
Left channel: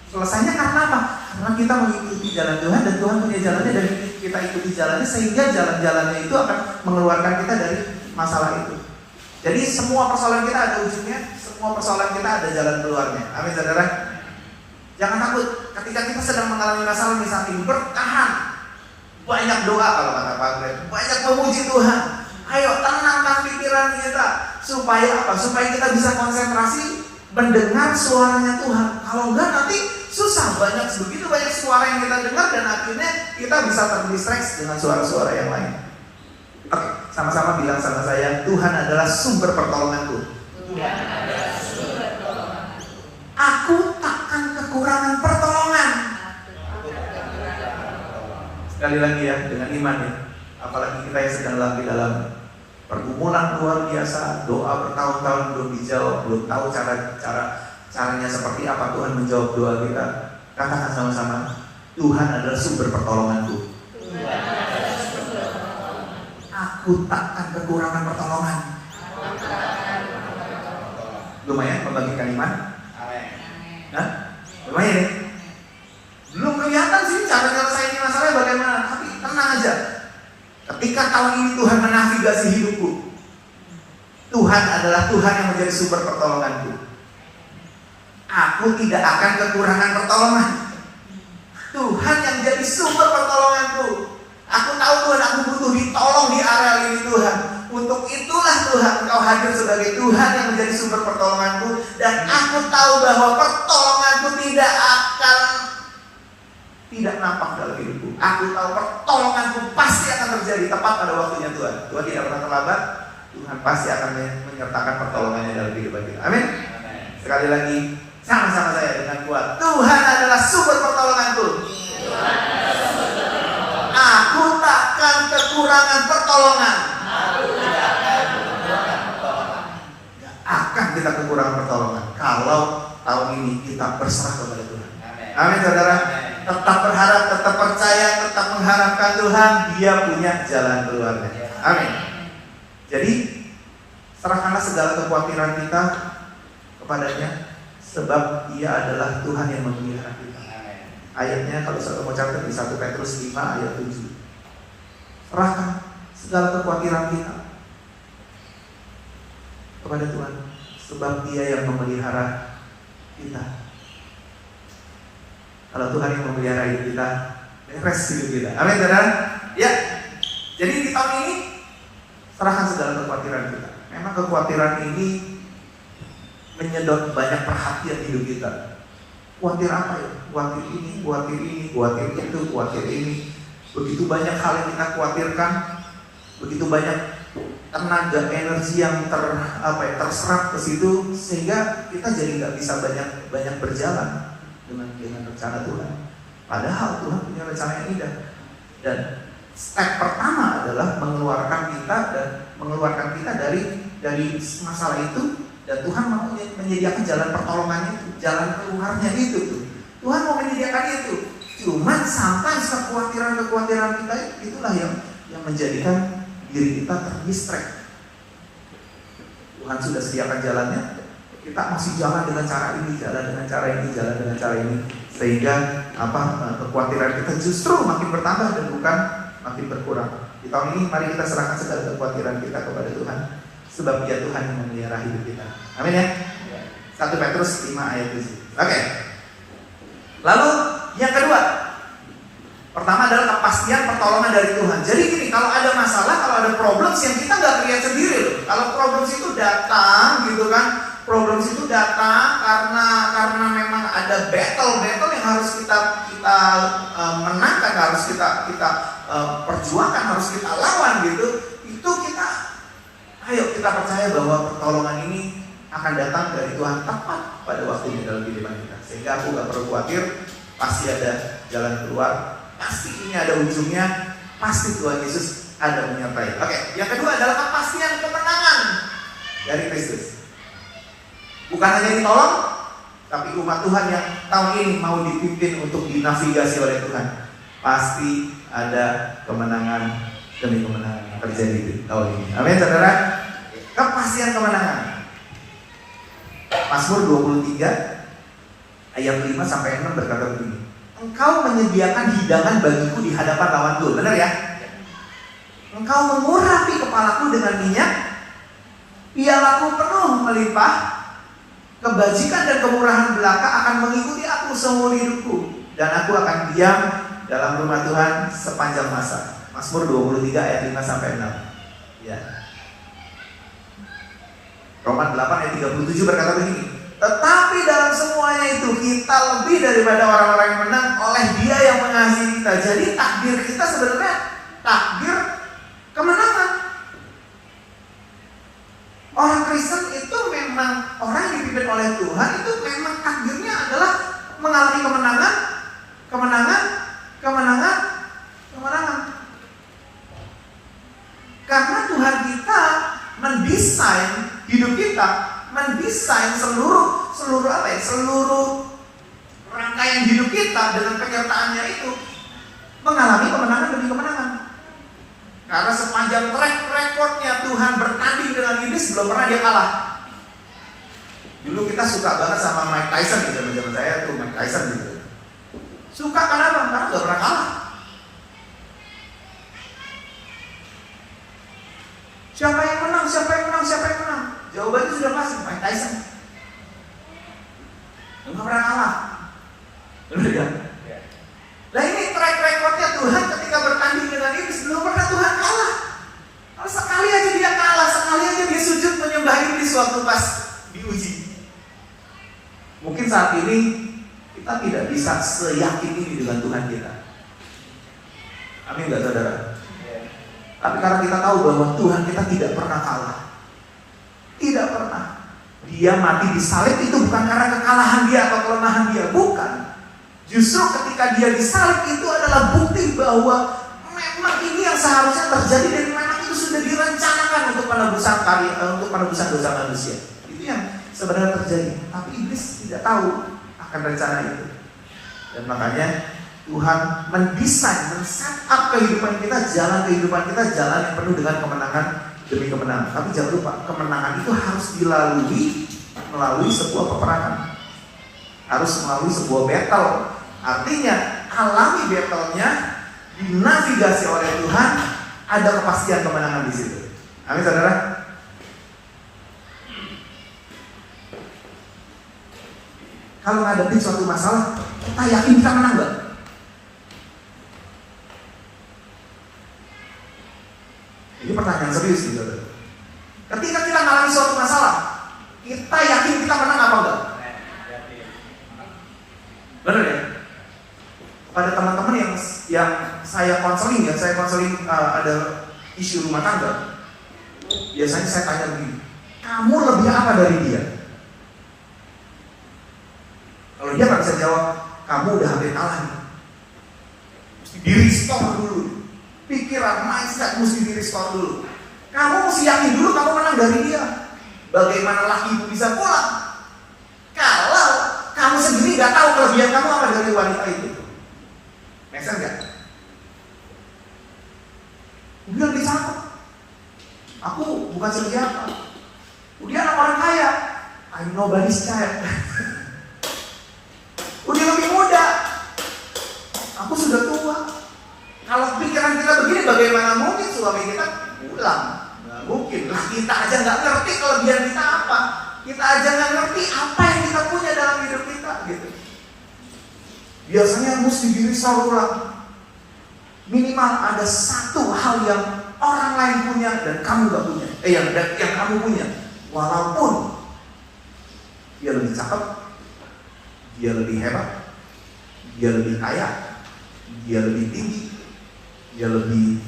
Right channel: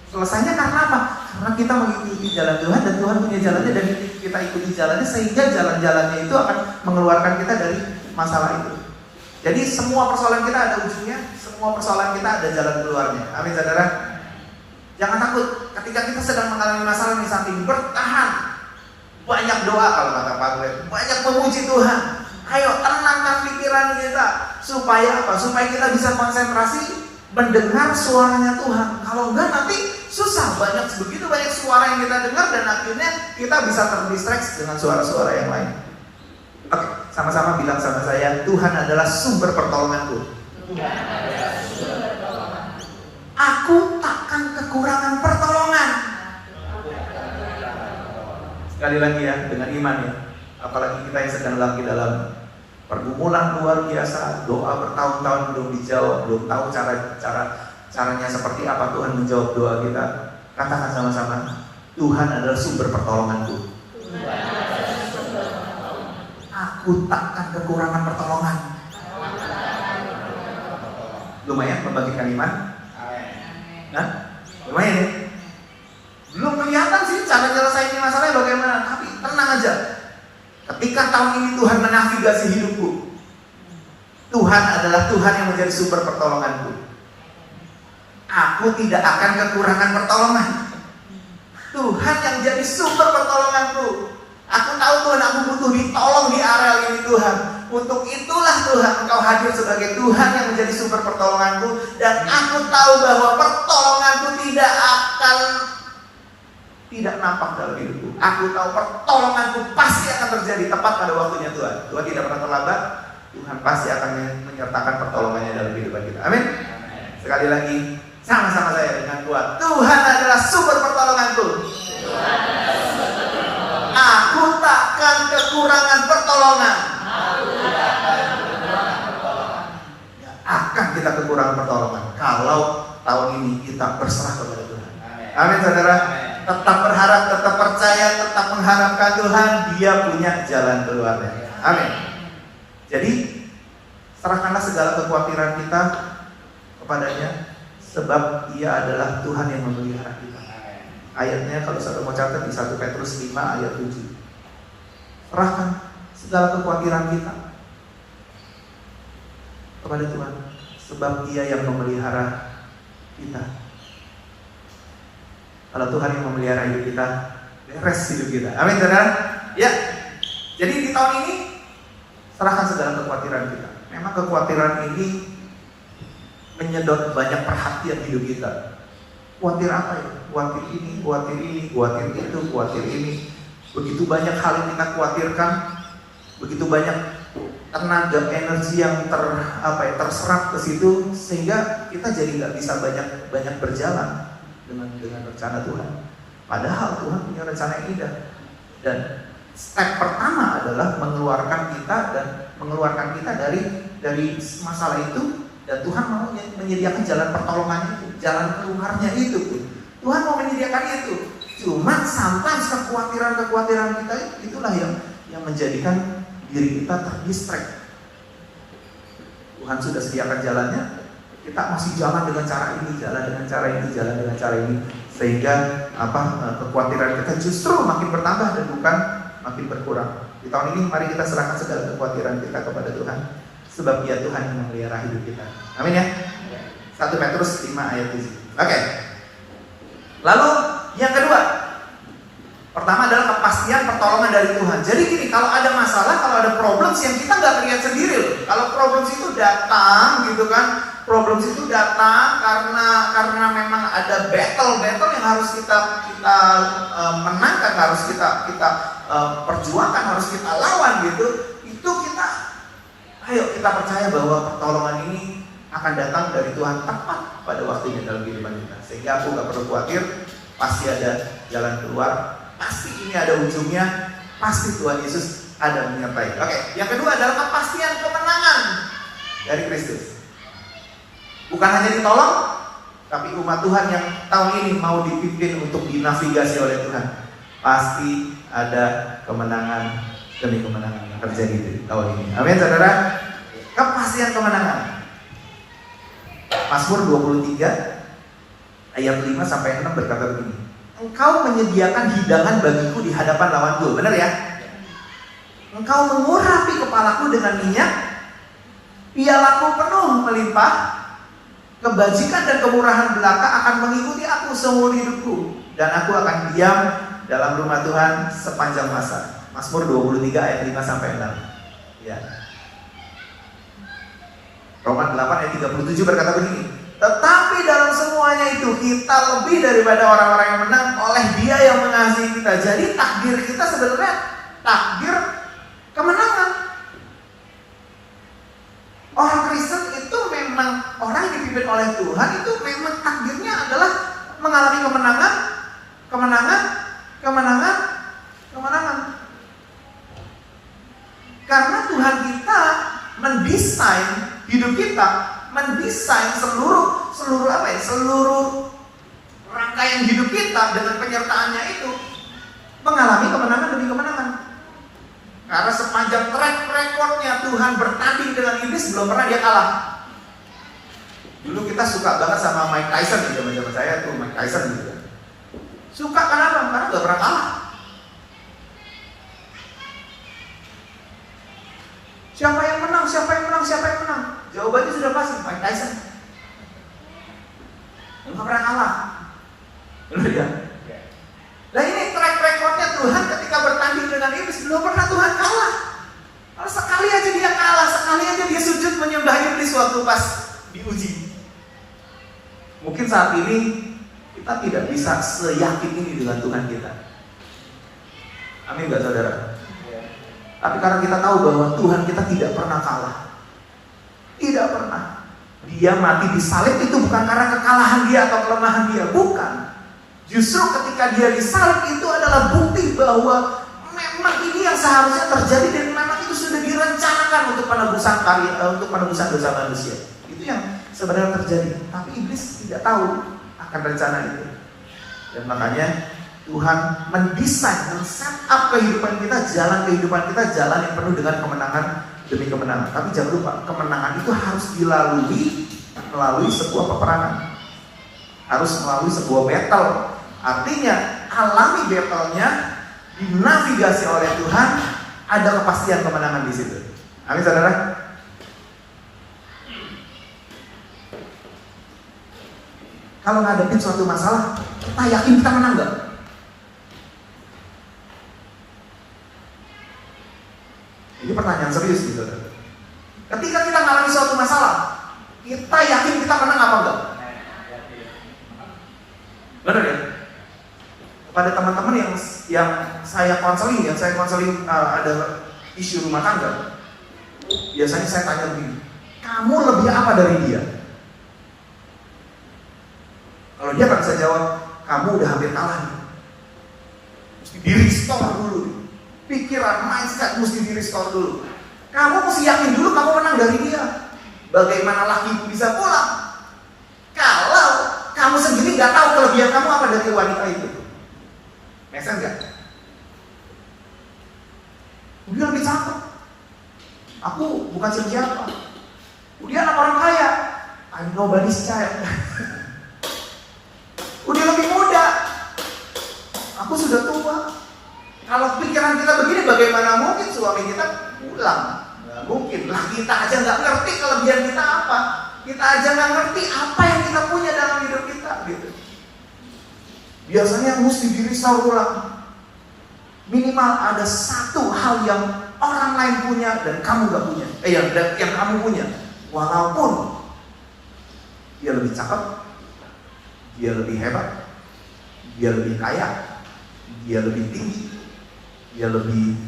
Selesainya karena apa? Karena kita mengikuti jalan Tuhan dan Tuhan punya jalannya dan kita ikuti jalannya, sehingga jalan-jalannya itu akan mengeluarkan kita dari masalah itu. Jadi semua persoalan kita ada ujungnya, semua persoalan kita ada jalan keluarnya. Amin saudara. Jangan takut ketika kita sedang mengalami masalah ini, saking bertahan. Banyak doa kalau kata Pak Greg, banyak memuji Tuhan. Ayo tenangkan pikiran kita. Supaya apa? Supaya kita bisa konsentrasi mendengar suaranya Tuhan. Kalau enggak nanti susah, begitu banyak suara yang kita dengar dan akhirnya kita bisa terdistraksi dengan suara-suara yang lain. Oke, sama-sama bilang sama saya, Tuhan adalah sumber pertolonganku. Aku takkan kekurangan pertolongan. Sekali lagi ya, dengan iman ya. Apalagi kita yang sedang lagi dalam pergumulan luar biasa, doa bertahun-tahun belum dijawab, belum tahu caranya seperti apa Tuhan menjawab doa kita. Katakan sama-sama, Tuhan adalah sumber pertolonganku. Aku takkan kekurangan pertolongan. Lumayan membagikan iman. Nah, lumayan ya. Belum kelihatan sih cara nyelesain masalahnya bagaimana, tapi tenang aja. Ketika tahun ini Tuhan menavigasi hidupku, Tuhan adalah Tuhan yang menjadi sumber pertolonganku. Aku tidak akan kekurangan pertolongan. Tuhan yang jadi sumber pertolonganku. Aku tahu Tuhan, aku butuh ditolong di area ini Tuhan. Untuk itulah Tuhan Engkau hadir sebagai Tuhan yang menjadi sumber pertolonganku. Dan aku tahu bahwa pertolonganku tidak nampak dalam hidupku. Aku tahu pertolonganku pasti akan terjadi tepat pada waktunya Tuhan. Tuhan tidak pernah terlambat. Tuhan pasti akan menyertakan pertolongannya dalam hidup kita. Amin. Sekali lagi, sama-sama saya dengan kuat. Tuhan adalah sumber pertolonganku. Aku takkan kekurangan pertolongan. Gak akan kita kekurangan pertolongan kalau tahun ini kita berserah kepada Tuhan. Amin saudara. Tetap berharap, tetap percaya, tetap mengharapkan Tuhan. Dia punya jalan keluarnya. Amin. Jadi serahkanlah segala kekhawatiran kita kepadanya, sebab Dia adalah Tuhan yang memelihara kita. Ayatnya kalau saya mau catat di 1 Petrus 5 ayat 7. Serahkan segala kekhawatiran kita kepada Tuhan, sebab Dia yang memelihara kita. Kalau Tuhan yang memelihara hidup kita, beres hidup kita. Amin saudara. Ya. Jadi di tahun ini serahkan segala kekhawatiran kita. Memang kekhawatiran ini menyedot banyak perhatian hidup kita. Khawatir apa ya? Khawatir ini, khawatir itu, khawatir ini. Begitu banyak hal yang kita khawatirkan, begitu banyak tenaga, energi yang terserap ke situ, sehingga kita jadi nggak bisa banyak berjalan dengan rencana Tuhan. Padahal Tuhan punya rencana yang indah. Dan step pertama adalah mengeluarkan kita dari dari masalah itu, dan Tuhan mau menyediakan jalan pertolongan itu, jalan keluarnya itu tuh. Tuhan mau menyediakan itu. Cuma sometimes kekhawatiran kita itulah yang menjadikan diri kita terdistract. Tuhan sudah sediakan jalannya, kita masih jalan dengan cara ini, jalan dengan cara ini, sehingga kekhawatiran kita justru makin bertambah dan bukan makin berkurang. Di tahun ini mari kita serahkan segala kekhawatiran kita kepada Tuhan, sebab Dia Tuhan yang memelihara hidup kita. Amin ya. 1 Petrus 5 ayat 7. Oke. Lalu yang kedua, pertama adalah kepastian pertolongan dari Tuhan. Jadi gini, kalau ada masalah, kalau ada problem yang kita nggak lihat sendiri. Kalau problem itu datang, gitu kan? Problem itu datang karena memang ada battle yang harus kita menangkan, harus kita perjuangkan, harus kita lawan gitu. Itu ayo kita percaya bahwa pertolongan ini akan datang dari Tuhan tepat pada waktunya dalam kehidupan kita. Sehingga aku gak perlu khawatir, pasti ada jalan keluar, pasti ini ada ujungnya, pasti Tuhan Yesus ada menyertai. Oke, yang kedua adalah kepastian kemenangan dari Kristus. Bukan hanya ditolong, tapi umat Tuhan yang tahun ini mau dipimpin untuk dinavigasi oleh Tuhan, pasti ada kemenangan demi kemenangan yang terjadi di tahun ini. Amin, saudara. Kepastian kemenangan. Mazmur 23 ayat 5 sampai 6 berkata begini. Engkau menyediakan hidangan bagiku di hadapan lawanku. Benar ya? Engkau mengurapi kepalaku dengan minyak, pialaku penuh melimpah. Kebajikan dan kemurahan belaka akan mengikuti aku seumur hidupku, dan aku akan diam dalam rumah Tuhan sepanjang masa. Mazmur 23 ayat 5 sampai 6. Ya. Roma 8 ayat 37 berkata begini. Tetapi dalam semuanya itu kita lebih daripada orang-orang yang menang oleh Dia yang mengasihi kita. Jadi takdir kita sebenarnya takdir kemenangan. Orang Kristen itu memang orang yang dipimpin oleh Tuhan, itu memang takdirnya adalah mengalami kemenangan. Karena Tuhan kita mendesain hidup kita, mendesain seluruh rangkaian hidup kita dengan penyertaannya itu mengalami kemenangan demi kemenangan. Karena sepanjang track recordnya Tuhan bertanding dengan iblis, belum pernah dia kalah. Dulu kita suka banget sama Mike Tyson gitu, zaman saya tuh Mike Tyson gitu. Suka karena gak pernah kalah. Siapa yang menang? Jawabannya sudah pasti, Mike Tyson. Gak pernah kalah. Benar ya? Nah ini track recordnya Tuhan ketika bertanding dengan iblis, belum pernah Tuhan kalah. Kalau sekali aja dia kalah, sekali aja dia sujud menyembah iblis waktu pas diuji. Mungkin saat ini kita tidak bisa seyakin ini dengan Tuhan kita. Amin gak saudara? Tapi karena kita tahu bahwa Tuhan kita tidak pernah kalah. Tidak pernah. Dia mati di salib itu bukan karena kekalahan dia atau kelemahan dia, bukan. Justru ketika dia disalib itu adalah bukti bahwa memang ini yang seharusnya terjadi dan memang itu sudah direncanakan untuk penebusan dosa manusia. Itu yang sebenarnya terjadi. Tapi iblis tidak tahu akan rencana itu. Dan makanya Tuhan mendesain, men-set up kehidupan kita, jalan yang penuh dengan kemenangan demi kemenangan. Tapi jangan lupa, kemenangan itu harus dilalui melalui sebuah peperangan. Harus melalui sebuah battle. Artinya, alami battle-nya, dinavigasi oleh Tuhan, ada kepastian kemenangan di situ. Amin, saudara. Kalau menghadapi suatu masalah, kita yakin kita menang gak? Ini pertanyaan serius gitu. Ketika kita mengalami suatu masalah, kita yakin kita menang apa enggak? Benar ya? Pada teman-teman yang saya konseling, ada isu rumah tangga, biasanya saya tanya begini, kamu lebih apa dari dia? Kalau dia nggak bisa jawab, kamu udah hampir kalah nih. Mesti di restore dulu. Pikiran, mindset mesti di restore dulu. Kamu mesti yakin dulu kamu menang dari dia. Bagaimana laki bisa pulang kalau kamu sendiri gak tahu kelebihan kamu apa dari wanita itu? Make sense gak? Dia lebih cakep. Aku bukan siapa. Dia anak orang kaya. I'm nobody's child. Dia lebih muda. Aku sudah tua. Kalau pikiran kita begini, bagaimana mungkin suami kita pulang? Nggak mungkin. Lah kita aja nggak ngerti kelebihan kita apa. Kita aja nggak ngerti apa yang kita punya dalam hidup kita, gitu. Biasanya mesti dirisau ulang. Minimal ada satu hal yang orang lain punya dan kamu nggak punya. Yang kamu punya. Walaupun dia lebih cakep, dia lebih hebat, dia lebih kaya, dia lebih tinggi, dia lebih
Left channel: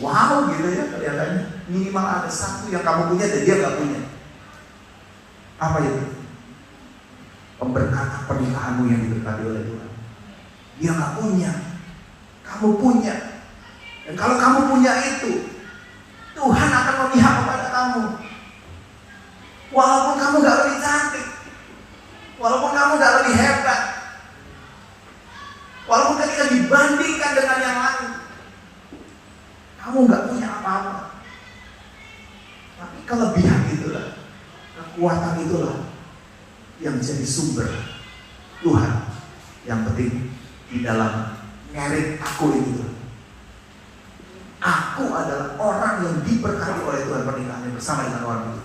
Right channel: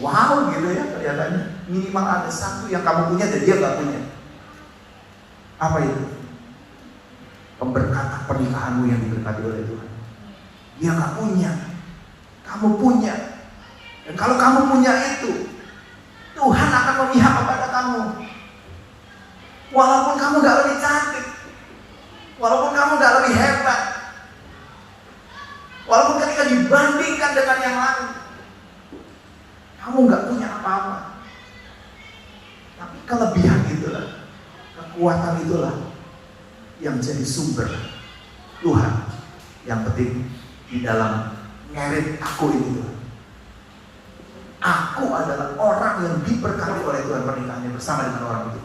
wow gitu ya kelihatannya. Minimal ada satu yang kamu punya dan dia nggak punya. Apa itu? Pemberkatan pernikahanmu yang diberkati oleh Tuhan. Dia nggak punya, kamu punya. Dan kalau kamu punya itu, Tuhan akan memihak kepada kamu. Walaupun kamu gak lebih cantik, walaupun kamu gak lebih hebat, walaupun ketika dibandingkan dengan yang lain, kamu gak punya apa-apa. Tapi kelebihan itulah, kekuatan itulah yang jadi sumber Tuhan yang penting di dalam merit aku itu. Aku adalah orang yang diberkati oleh Tuhan pernikahannya bersama dengan orang itu.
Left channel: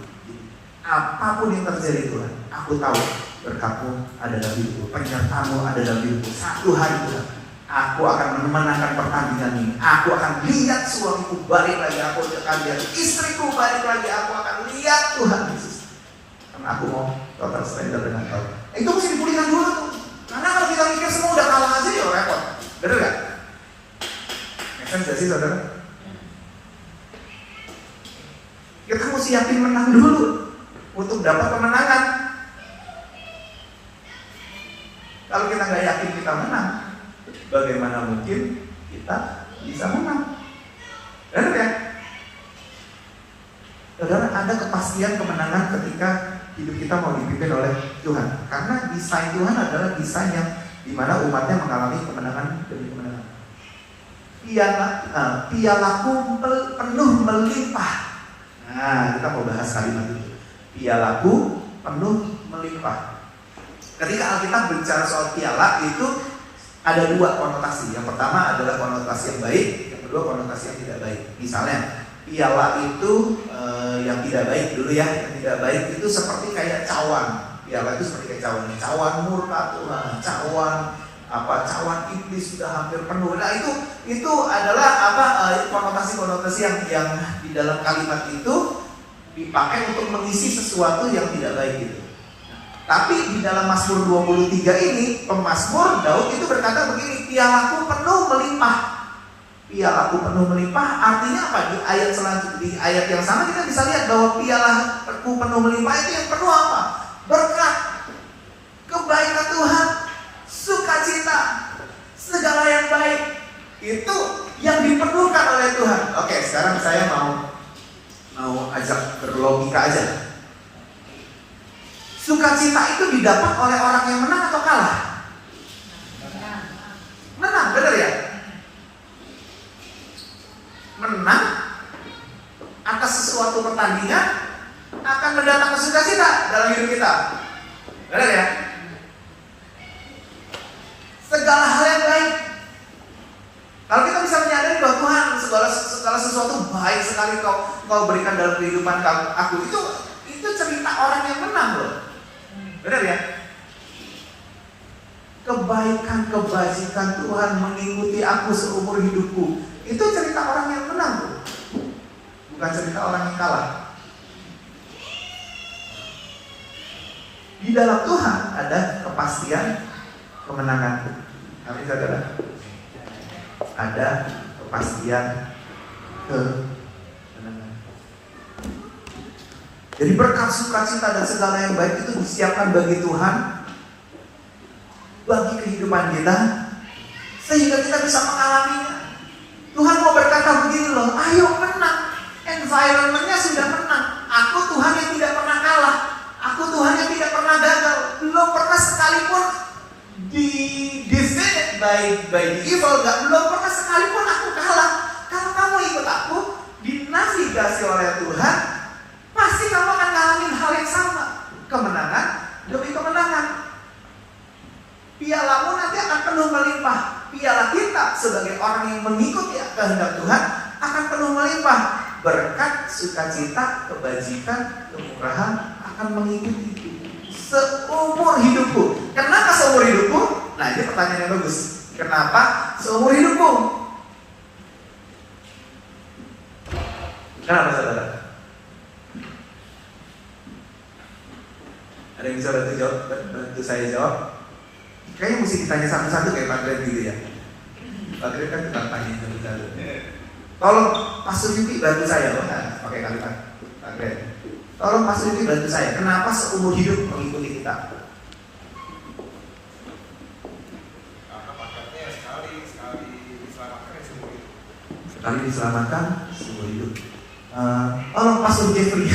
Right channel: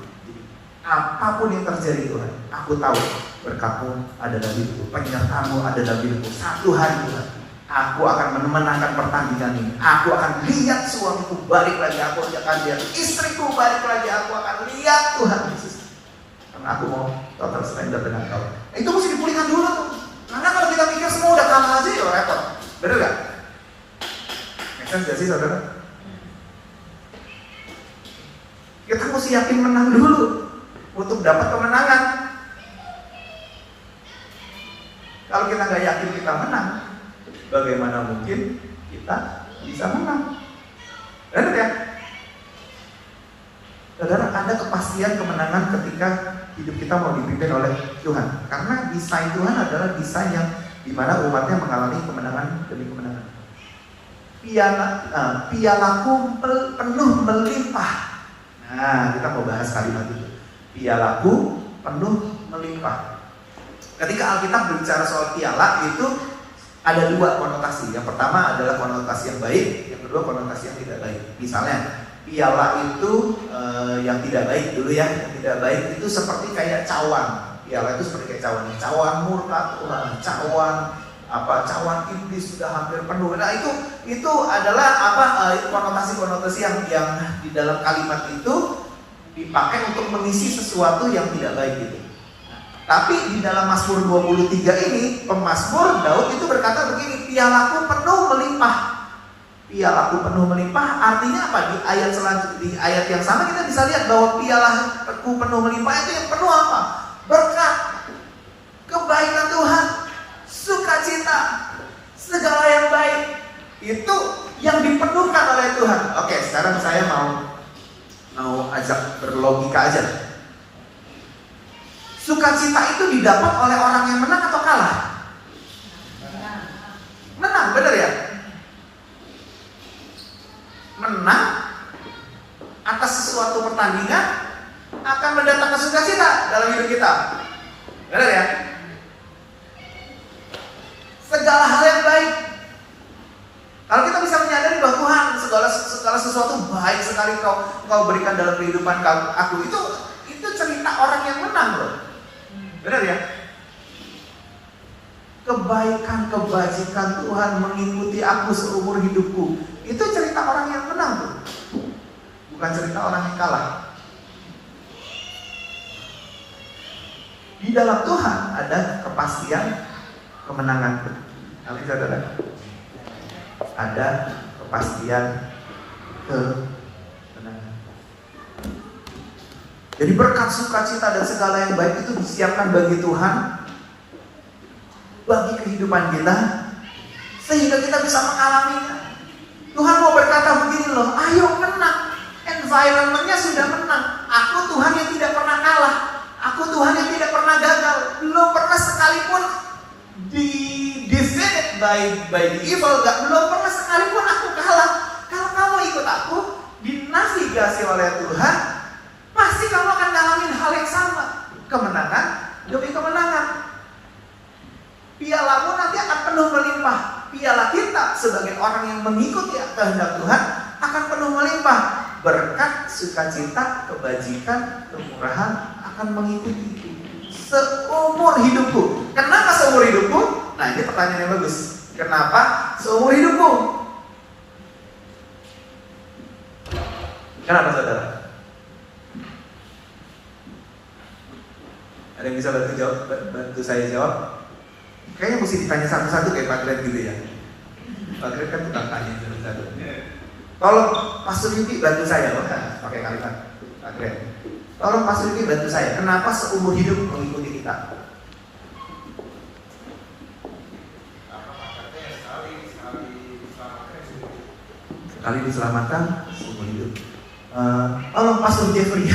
Apapun yang terjadi Tuhan, aku tahu berkatmu ada dalam hidupku, penyertamu ada dalam hidupku. Satu hari Tuhan, aku akan memenangkan pertandingan ini. Aku akan lihat suamiku balik lagi, aku akan lihat istriku balik lagi, aku akan lihat Tuhan Yesus. Karena aku mau total surrender dengan kau. Itu mesti dipulihkan dulu tuh. Karena kalau kita mikir semua udah kalah aja ya repot. Bener gak? Make sense gak sih saudara? Kita mesti yakin menang dulu untuk dapat kemenangan. Kalau kita nggak yakin kita menang, bagaimana mungkin kita bisa menang? Benar ya? Saudara, ada kepastian kemenangan ketika hidup kita mau dipimpin oleh Tuhan. Karena desain Tuhan adalah desain yang dimana umatnya mengalami kemenangan demi kemenangan. Pialaku penuh melimpah. Nah, kita mau bahas kalimat itu. Pialaku penuh melimpah. Ketika Alkitab bicara soal piala itu ada dua konotasi. Yang pertama adalah konotasi yang baik, yang kedua konotasi yang tidak baik. Misalnya piala itu yang tidak baik dulu ya, yang tidak baik itu seperti kayak cawan. Piala itu seperti kayak cawan. Cawan murka Tuhan, cawan iblis sudah hampir penuh. Nah itu adalah konotasi-konotasi yang di dalam kalimat itu dipakai untuk mengisi sesuatu yang tidak baik gitu. Tapi di dalam Mazmur 23 ini, pemazmur Daud itu berkata begini, pialaku penuh melimpah. Pialaku penuh melimpah artinya apa? Di ayat selanjutnya, di ayat yang sama kita bisa lihat bahwa pialaku penuh melimpah itu yang penuh apa? Berkat, kebaikan Tuhan, sukacita, segala yang baik. Itu yang diperlukan oleh Tuhan. Oke, sekarang saya mau ajak berlogika aja. Sukacita itu didapat oleh orang yang menang atau kalah? Menang, benar ya? Menang atas sesuatu pertandingan akan mendatangkan sukacita dalam hidup kita. Benar ya? Segala hal yang baik. Kalau kita bisa menyadari bahwa Tuhan segala sesuatu baik sekali kau berikan dalam kehidupan aku, itu cerita orang yang menang loh. Benar ya? Kebaikan, kebajikan Tuhan mengikuti aku seumur hidupku. Itu cerita orang yang menang loh. Bukan cerita orang yang kalah. Di dalam Tuhan ada kepastian kemenangan. Nanti saudara, ada kepastian kemenangan. Jadi berkat, sukacita dan segala yang baik itu disiapkan bagi Tuhan, bagi kehidupan kita, sehingga kita bisa mengalaminya. Tuhan mau berkata begini loh, ayo menang and environment-nya sudah menang. Aku Tuhan yang tidak pernah kalah. Aku Tuhan yang tidak pernah gagal. Belum pernah sekalipun di defeated by the evil. Belum pernah sekalipun aku kalah. Kalau kamu ikut aku, dinavigasi oleh Tuhan, pasti kamu akan ngalamin hal yang sama. Kemenangan demi kemenangan. Pialamu nanti akan penuh melimpah. Piala kita sebagai orang yang mengikuti kehendak Tuhan akan penuh melimpah. Berkat, sukacita, kebajikan, kemurahan akan mengikuti seumur hidupku. Kenapa seumur hidupku? Nah, ini pertanyaan yang bagus. Kenapa seumur hidupku? Kenapa, saudara? Ada yang bisa bantu saya jawab? Kayaknya mesti ditanya satu-satu kayak Pak Glenn gitu ya. Pak Glenn kan tukang tanya satu-satu. Tolong Pastor Yuki bantu saya, pakai kalimat Pak Glenn. Tolong Pastor Yuki bantu saya. Kenapa seumur hidup mengikuti kita? Sekali diselamatkan seumur hidup. Tolong Pastor Jeffrey.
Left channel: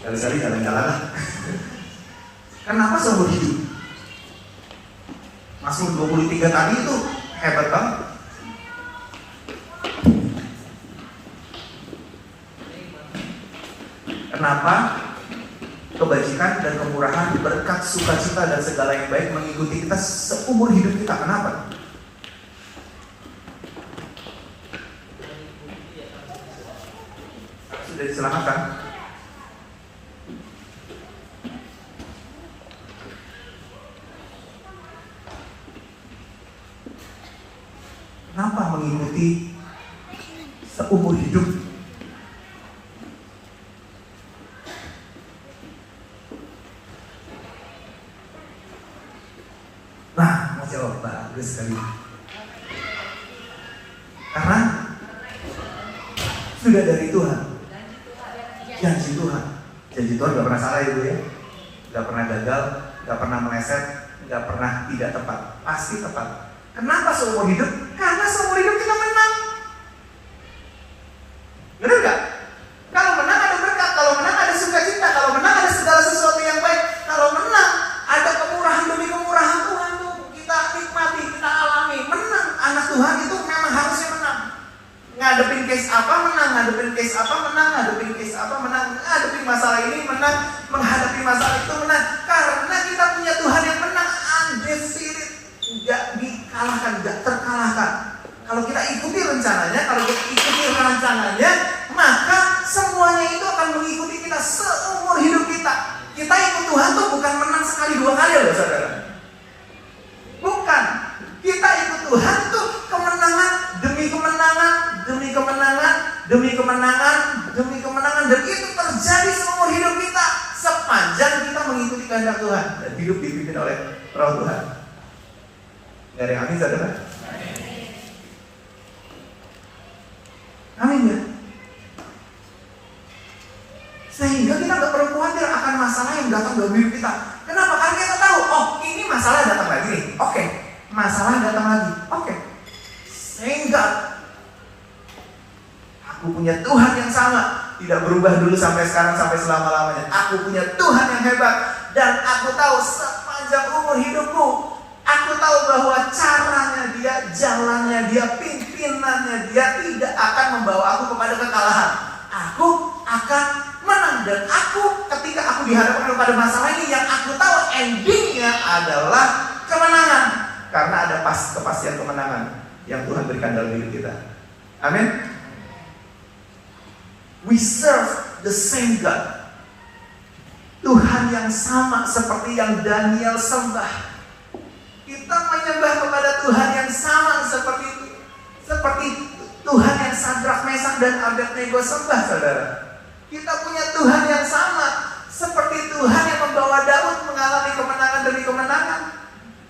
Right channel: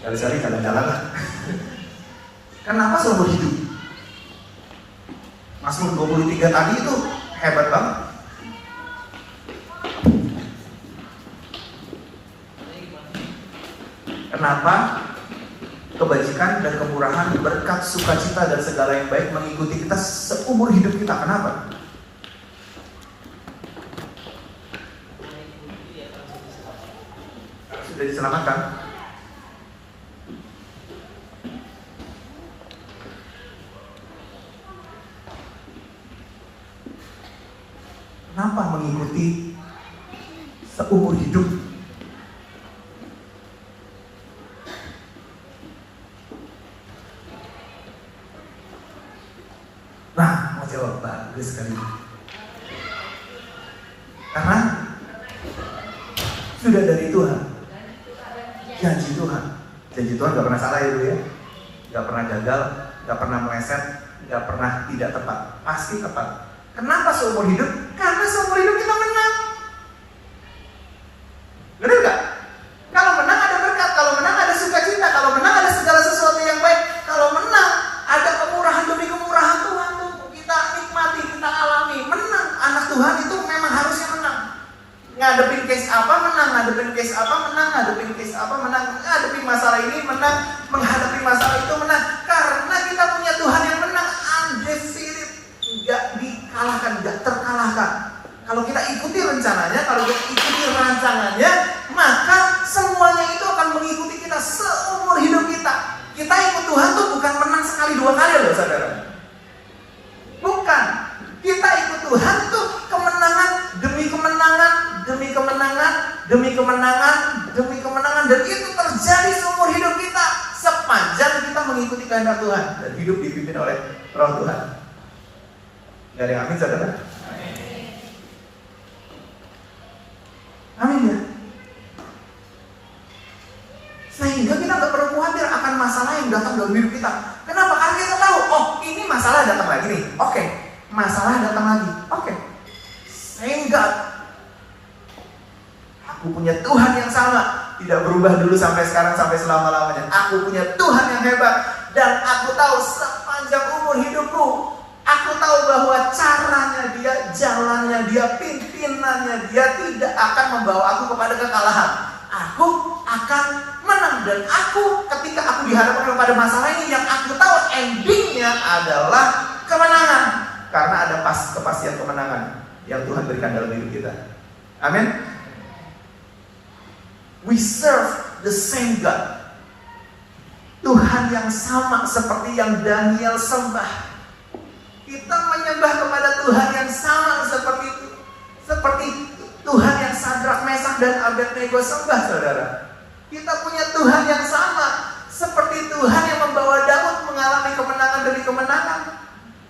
Sekali-sekali jalan-jalan lah. Kenapa seumur hidup? Mazmur 23 tadi itu hebat banget. Kenapa kebajikan dan kemurahan, berkat, sukacita dan segala yang baik mengikuti kita seumur hidup kita? Kenapa? Karena sudah diselamatkan. Kenapa mengikuti seumur hidup? Nah, mau jawab bagus sekali. Karena sudah dari Tuhan. Janji Tuhan. Janji Tuhan gak pernah salah ya, gak pernah gagal, gak pernah meleset, gak pernah tidak tepat. Pasti tepat. Kenapa seumur hidup? Karena seumur hidup kita menang. Benar gak? Kalau menang ada berkat, kalau menang ada sukacita, kalau menang ada segala sesuatu yang baik, kalau menang ada kemurahan demi kemurahan Tuhan tuh kita nikmati, kita alami. Menang, anak Tuhan itu memang harusnya menang. Ngadepin case apa menang, ngadepin case apa menang, ngadepin case apa menang, ngadepin masalah ini menang, menghadapi masalah itu menang. Karena kita punya Tuhan yang menang, undefeated. Gak dikalahkan, gak terkalahkan. Kalau kita ikuti rencananya, kalau kita ikuti rancangannya, maka semuanya itu akan mengikuti kita seumur hidup kita. Kita ikut Tuhan tuh bukan menang sekali dua kali loh saudara. Bukan. Kita ikut Tuhan tuh kemenangan demi kemenangan, demi kemenangan, demi kemenangan, demi kemenangan. Dan itu terjadi seumur hidup kita sepanjang kita mengikuti kehendak Tuhan dan hidup dipimpin oleh Roh Tuhan. Gak ada yang amin saudara? Amin ya. Sehingga kita gak perlu khawatir akan masalah yang datang dalam hidup kita. Kenapa? Karena kita tahu, oh ini masalah datang lagi nih. Oke, masalah datang lagi. Oke. Sehingga aku punya Tuhan yang sama, tidak berubah dulu sampai sekarang sampai selama-lamanya. Aku punya Tuhan yang hebat dan aku tahu sepanjang umur hidupku, aku tahu bahwa caranya dia, jalannya dia, pimpinannya dia tidak akan membawa aku kepada kekalahan. Aku akan menang dan aku ketika aku dihadapkan kepada masalah ini yang aku tahu endingnya adalah kemenangan. Karena ada kepastian kemenangan yang Tuhan berikan dalam hidup kita. Amin. We serve the same God. Tuhan yang sama seperti yang Daniel sembah. Kita menyembah kepada Tuhan yang sama seperti itu. Seperti Tuhan yang Sadrak, Mesak dan Abednego sembah saudara. Kita punya Tuhan yang sama seperti Tuhan yang membawa Daud mengalami kemenangan demi kemenangan.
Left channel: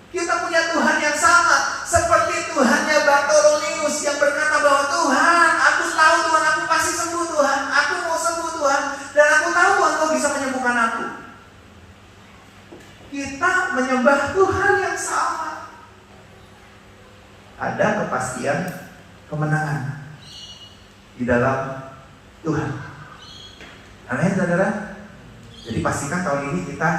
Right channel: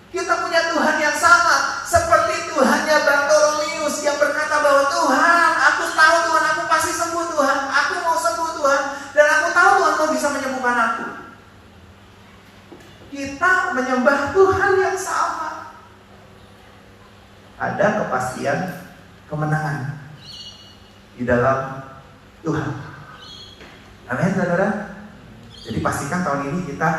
Kita punya Tuhan yang sama seperti Tuhannya Bartolomeus yang berkata bahwa Tuhan, aku tahu Tuhan, aku pasti sembuh Tuhan, aku mau sembuh Tuhan, dan aku tahu Tuhan kau bisa menyembuhkan aku. Kita menyembah Tuhan yang sama. Ada kepastian kemenangan di dalam Tuhan. Amin, saudara. Jadi pastikan tahun ini kita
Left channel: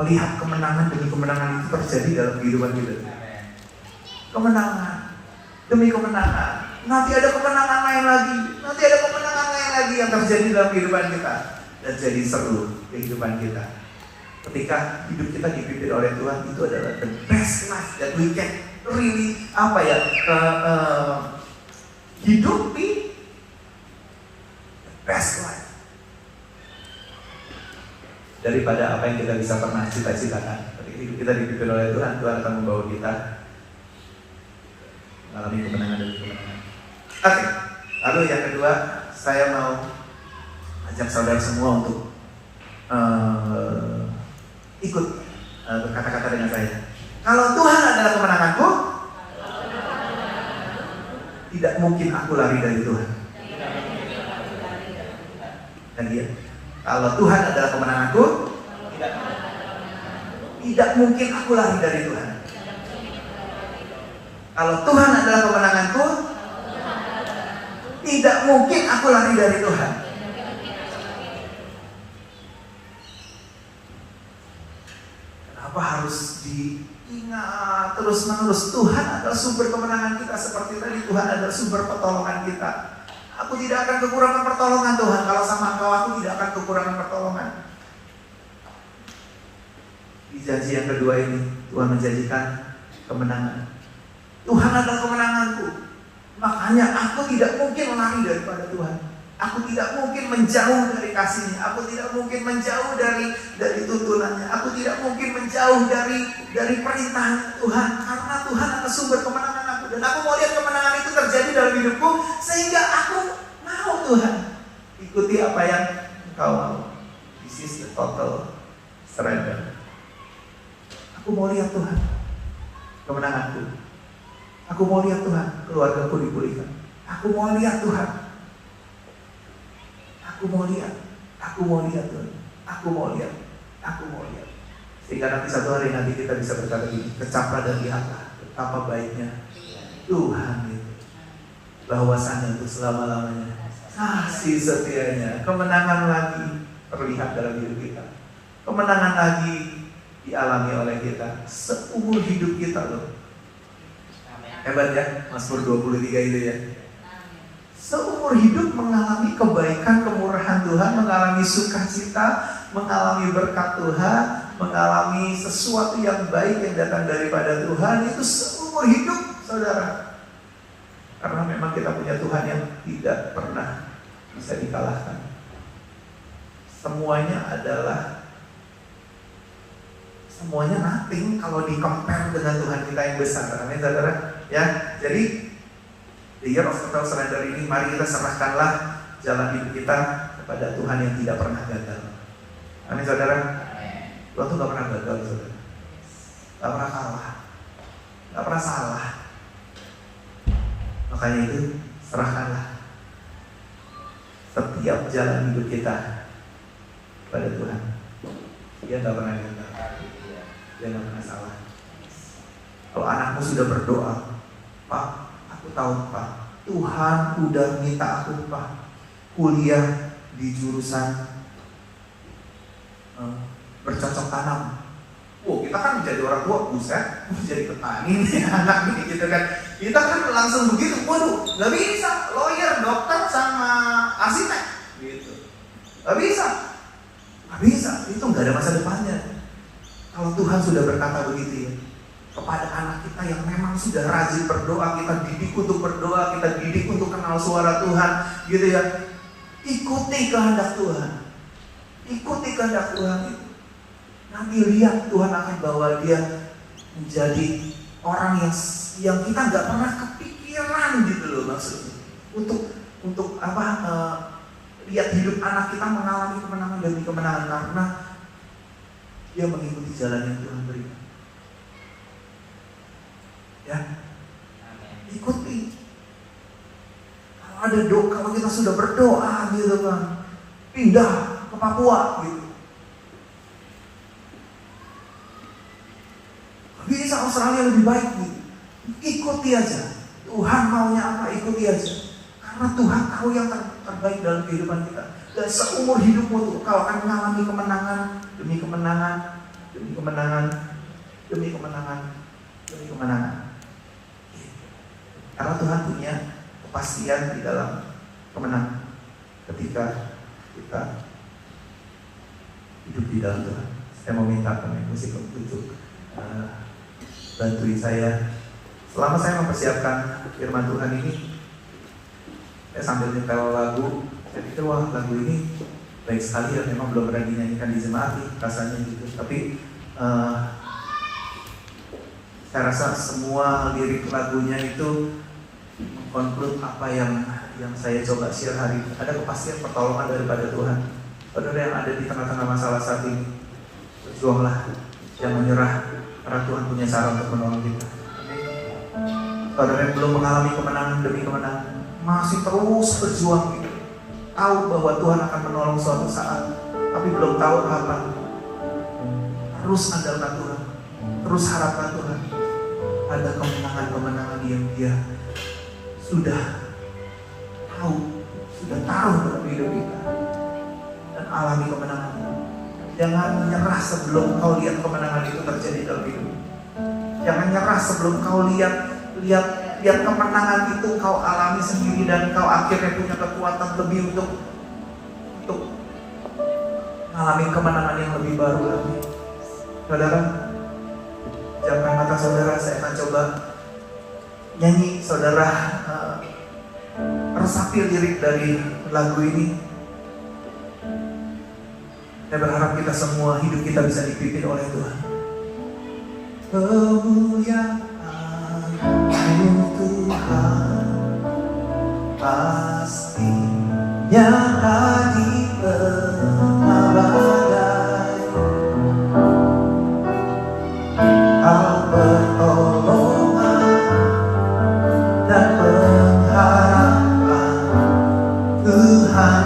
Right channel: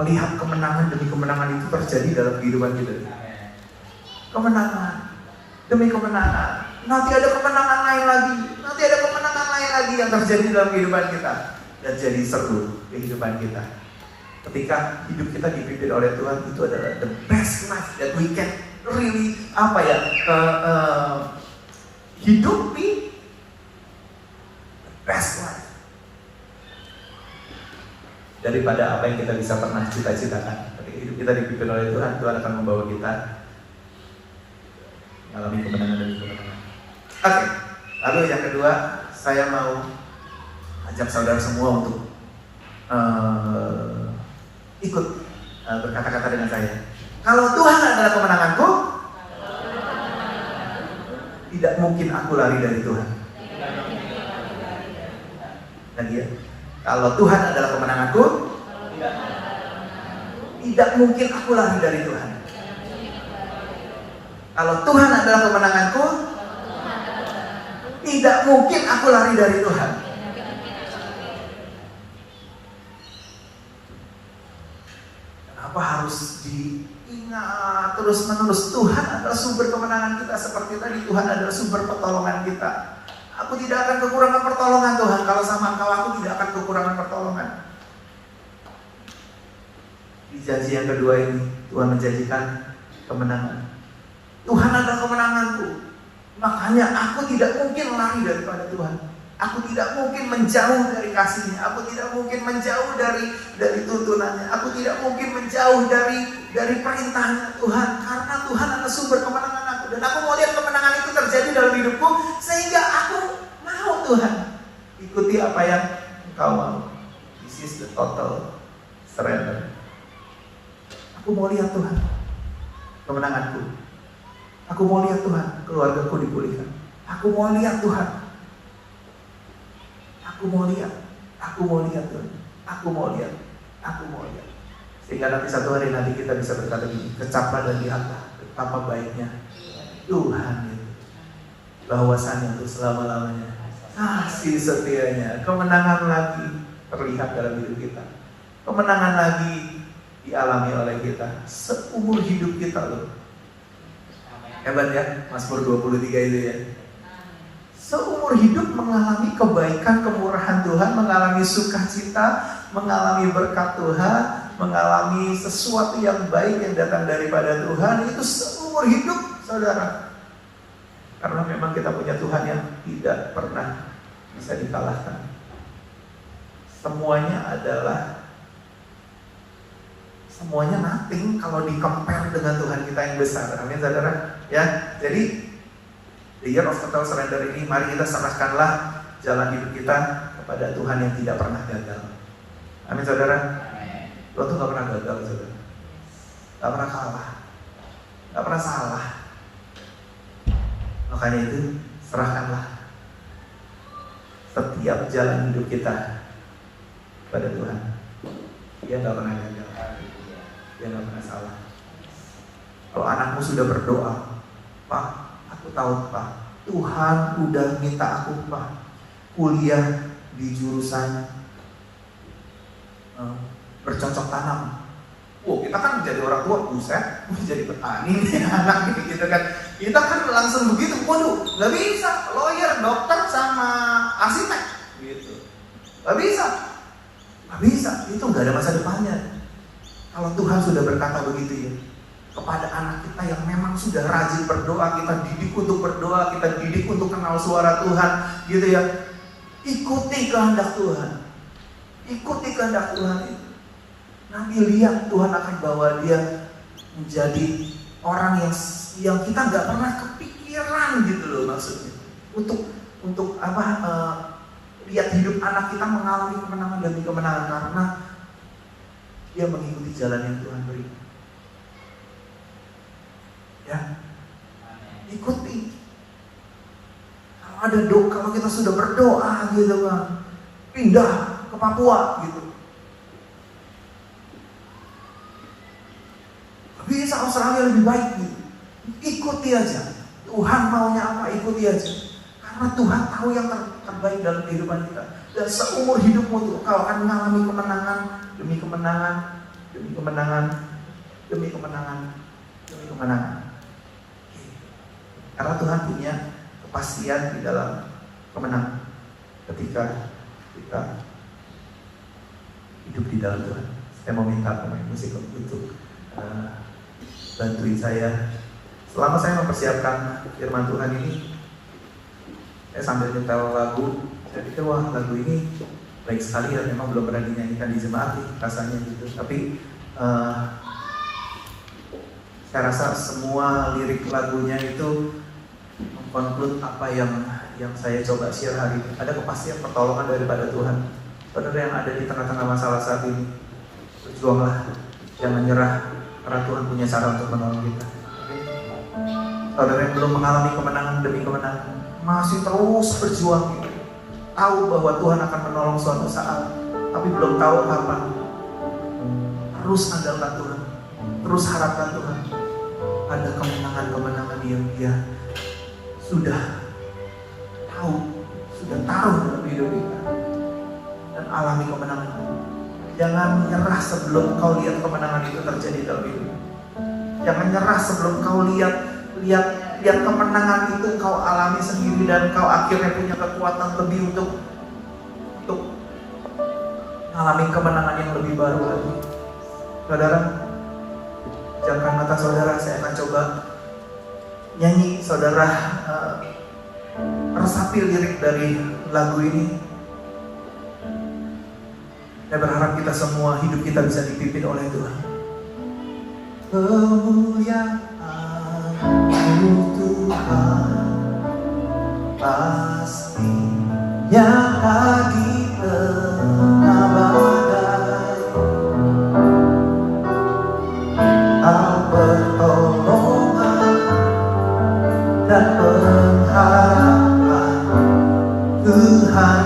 melihat kemenangan demi kemenangan itu terjadi dalam kehidupan kita. Kemenangan demi kemenangan. Nanti ada kemenangan lain lagi. Nanti ada kemenangan lain lagi yang terjadi dalam kehidupan kita. Dan jadi seru kehidupan kita. Ketika hidup kita dipimpin oleh Tuhan, itu adalah the best life that we can really hidup di best life daripada apa yang kita bisa pernah cita-citakan. Ketika hidup kita dipimpin oleh Tuhan, Tuhan akan membawa kita mengalami kemenangan dan kemenangan. Oke, lalu yang kedua, saya mau ajak saudara semua untuk ikut berkata-kata dengan saya. Kalau Tuhan adalah kemenanganku, tidak mungkin aku lari dari Tuhan. Lagi ya. Kalau Tuhan adalah kemenanganku, tidak mungkin aku lari dari Tuhan. Kalau Tuhan adalah kemenanganku, tidak mungkin aku lari dari Tuhan. Kenapa harus diingat terus-menerus? Tuhan adalah sumber kemenangan kita. Seperti tadi, Tuhan adalah sumber pertolongan kita. Aku tidak akan kekurangan pertolongan Tuhan. Kalau sama Engkau, aku tidak akan kekurangan pertolongan. Di janji yang kedua ini, Tuhan menjanjikan kemenangan. Tuhan adalah kemenanganku. Makanya aku tidak mungkin lari daripada Tuhan. Aku tidak mungkin menjauh dari kasih-Nya. Aku tidak mungkin menjauh dari tuntunannya. Aku tidak mungkin menjauh dari perintah Tuhan. Karena Tuhan adalah sumber kemenangan aku. Dan aku mau lihat kemenangan itu terjadi dalam hidupku. Sehingga aku mau Tuhan ikuti apa yang Engkau mau. This is the total surrender. Aku mau lihat Tuhan kemenanganku. Aku mau lihat Tuhan keluargaku dipulihkan. Aku mau lihat Tuhan. Aku mau lihat Tuhan. Aku mau lihat. Sehingga nanti satu hari nanti kita bisa berkata begini, kecaplah dan lihatlah betapa baiknya Tuhan itu. Bahwasannya untuk selama-lamanya kasih setianya, kemenangan lagi terlihat dalam hidup kita. Kemenangan lagi dialami oleh kita seumur hidup kita loh. Hebat ya, Mazmur 23 itu ya. Seumur hidup mengalami kebaikan, kemurahan Tuhan, mengalami sukacita, mengalami berkat Tuhan, mengalami sesuatu yang baik yang datang daripada Tuhan. Itu seumur hidup, saudara. Karena memang kita punya Tuhan yang tidak pernah bisa dikalahkan. Semuanya nothing kalau di-compare dengan Tuhan kita yang besar. Amin, saudara. Ya, jadi the year of total surrender ini, mari kita serahkanlah jalan hidup kita kepada Tuhan yang tidak pernah gagal. Amin, saudara. Tuhan tuh gak pernah gagal, saudara. Gak pernah kalah, gak pernah salah. Makanya itu, serahkanlah setiap jalan hidup kita kepada Tuhan. Dia gak pernah gagal, dia gak pernah salah. Kalau anakmu sudah berdoa, Pak, aku tahu Pak, Tuhan udah minta aku Pak kuliah di jurusan bercocok tanam. Wow, kita kan menjadi orang tua, buset, menjadi petani nih anak ini gitu kan. Kita kan langsung begitu, waduh, gak bisa, lawyer, dokter, sama arsitek gitu. Gak bisa, itu gak ada masa depannya. Kalau Tuhan sudah berkata begitu ya, kepada anak kita yang memang sudah rajin berdoa, kita didik untuk berdoa, kita didik untuk kenal suara Tuhan, gitu ya. Ikuti kehendak Tuhan, ikuti kehendak Tuhan itu. Nanti lihat Tuhan akan bawa dia menjadi orang yang kita nggak pernah kepikiran gitu loh maksudnya. Untuk lihat hidup anak kita mengalami kemenangan demi kemenangan karena dia mengikuti jalan yang Tuhan berikan. Ya, ikuti. Kalau ada doa, kalau kita sudah berdoa gitu kan, pindah ke Papua gitu. Bisa Australia lebih baik gitu. Ikuti aja. Tuhan maunya apa, ikuti aja. Karena Tuhan tahu yang terbaik dalam kehidupan kita. Dan seumur hidupmu tuh kau akan mengalami kemenangan demi kemenangan, demi kemenangan, demi kemenangan, demi kemenangan. Karena Tuhan punya kepastian di dalam kemenangan ketika kita hidup di dalam Tuhan. Saya mau minta pemain musik untuk bantuin saya. Selama saya mempersiapkan firman Tuhan ini, saya sambil nyetel lagu, saya pikir wah lagu ini baik sekali dan memang belum pernah dinyanyikan di jemaat nih, rasanya gitu. Tapi saya rasa semua lirik lagunya itu mengkonklud apa yang saya coba share hari ini. Ada kepastian pertolongan daripada Tuhan. Saudara yang ada di tengah-tengah masalah saat ini, berjuanglah, jangan menyerah, karena Tuhan punya cara untuk menolong kita. Saudara yang belum mengalami kemenangan demi kemenangan, masih terus berjuang gitu. Tahu bahwa Tuhan akan menolong suatu saat, tapi belum tahu kapan. Terus andalkan Tuhan, terus harapkan Tuhan. Ada kemenangan-kemenangan yang Dia sudah tahu, sudah taruh dalam hidup kita. Dan alami kemenangan. Jangan menyerah sebelum kau lihat kemenangan itu terjadi dalam hidup. Jangan nyerah sebelum kau lihat kemenangan itu kau alami sendiri dan kau akhirnya punya kekuatan lebih untuk mengalami kemenangan yang lebih baru lagi. Saudara, jangan kata saudara, saya akan coba nyanyi. Saudara resapi lirik dari lagu ini. Saya berharap kita semua hidup kita bisa dipimpin oleh Tuhan. Kemuliaan Tuhan pastinya di tengah badai. Kau pertolongan dan pengharapan Tuhan.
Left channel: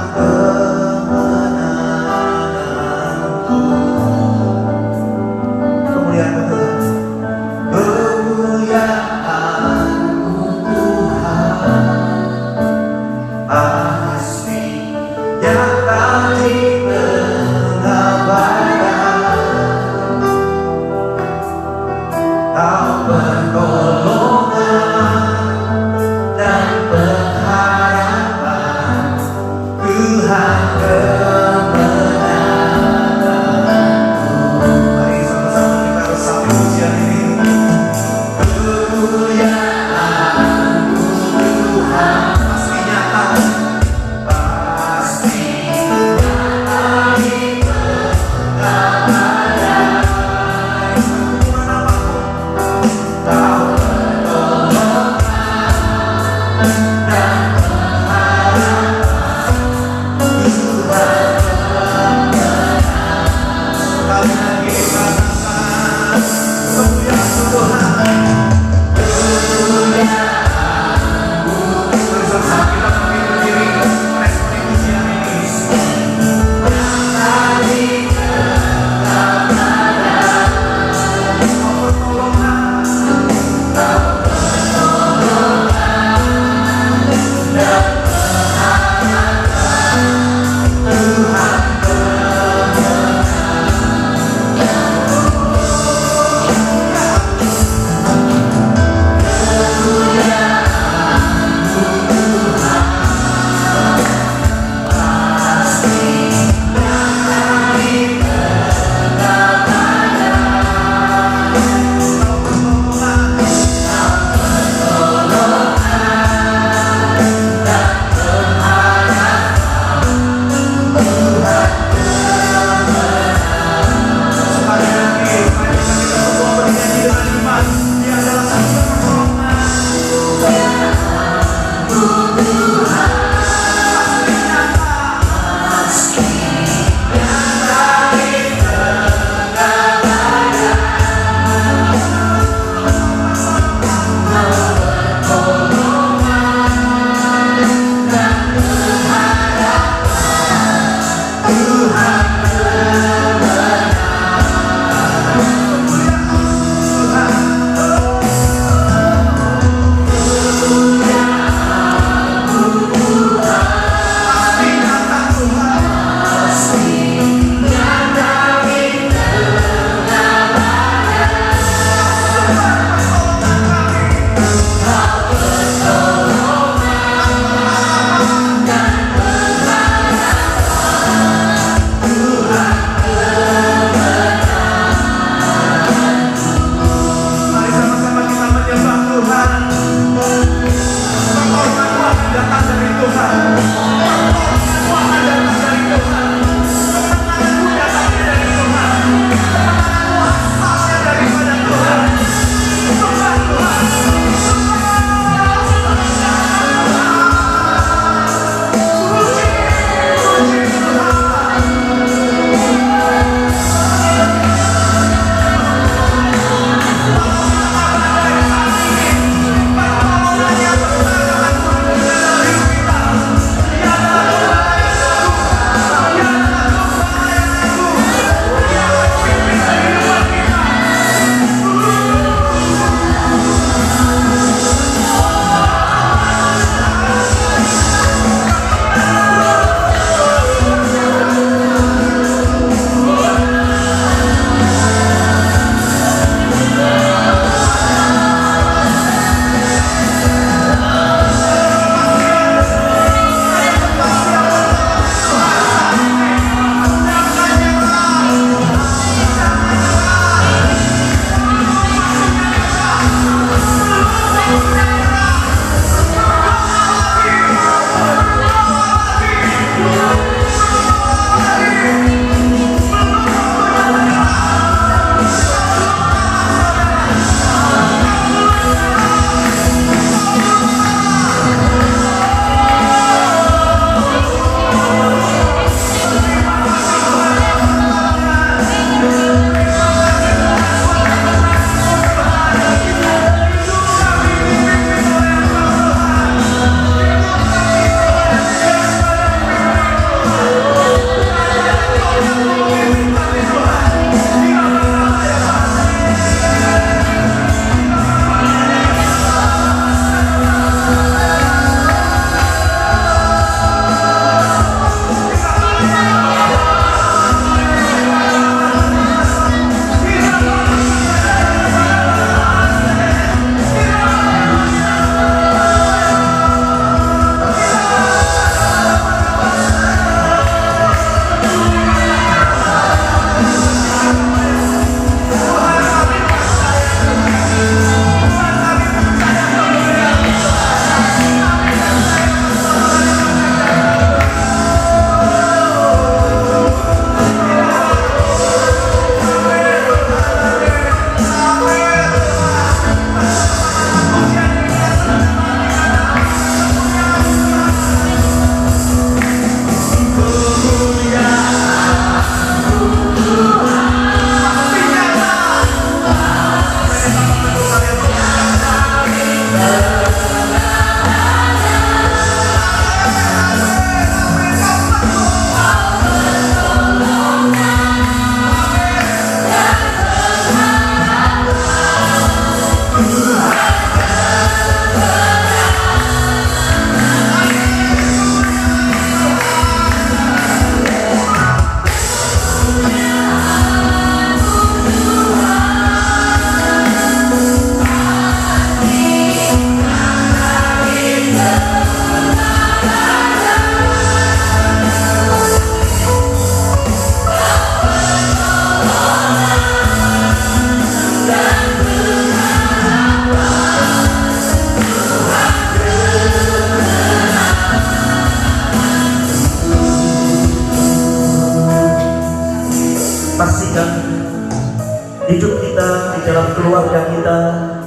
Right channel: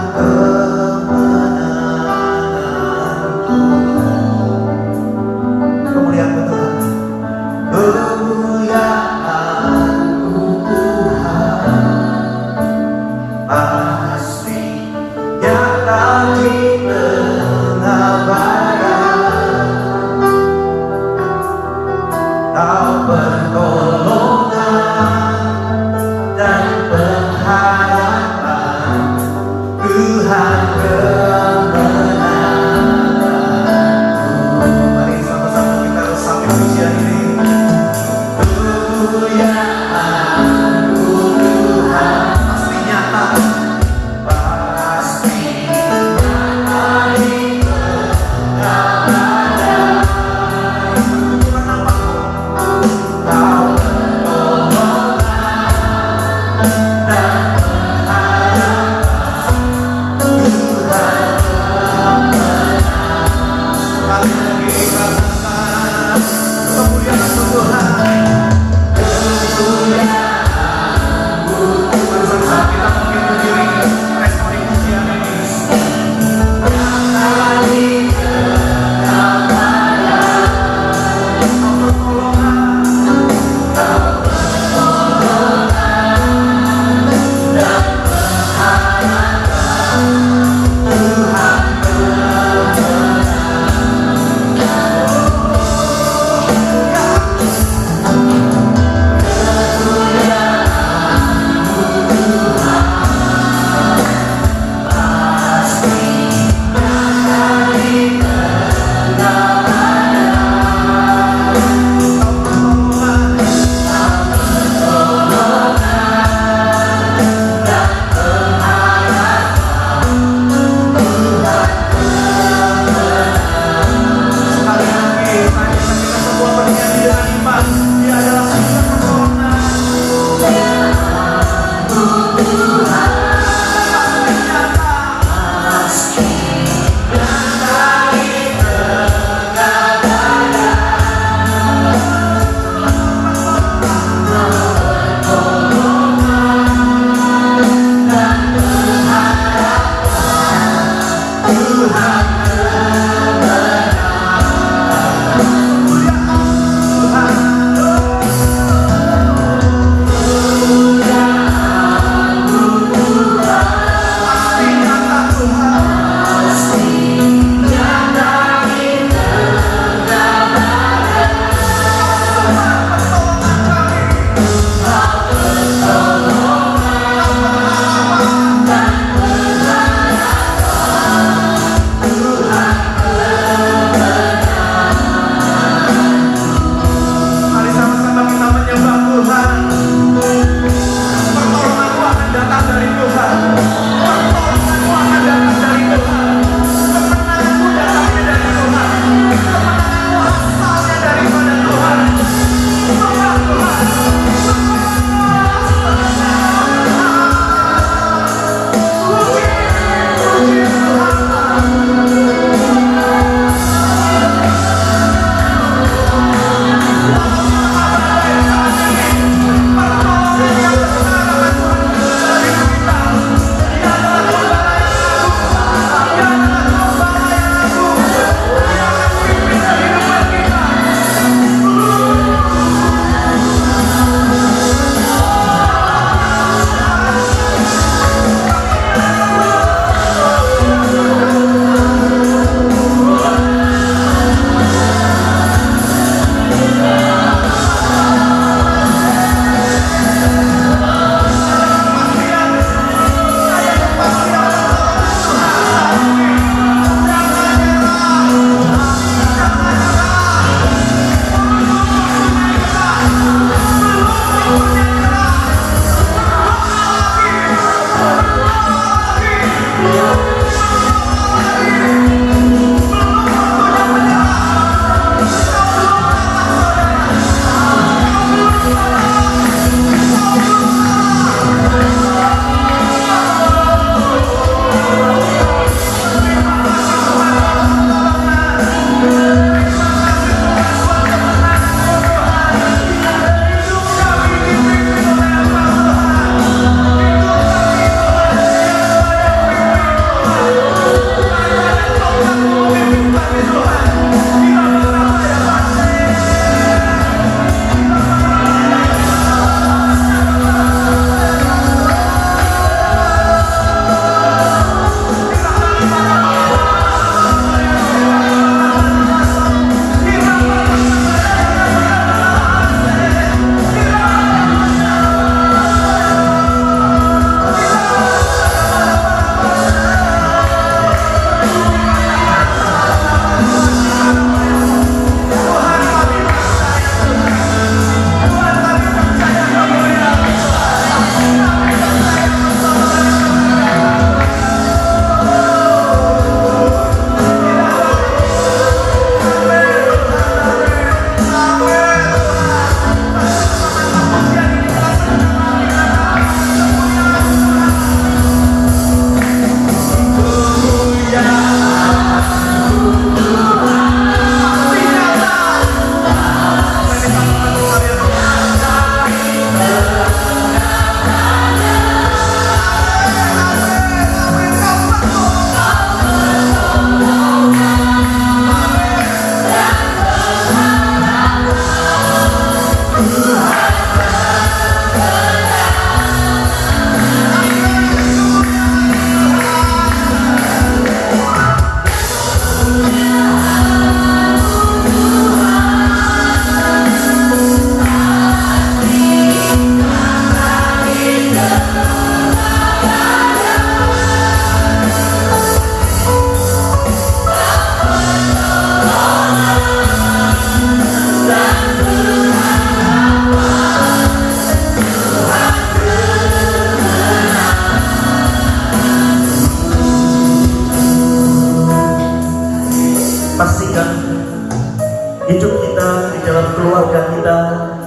dalam keluarga kita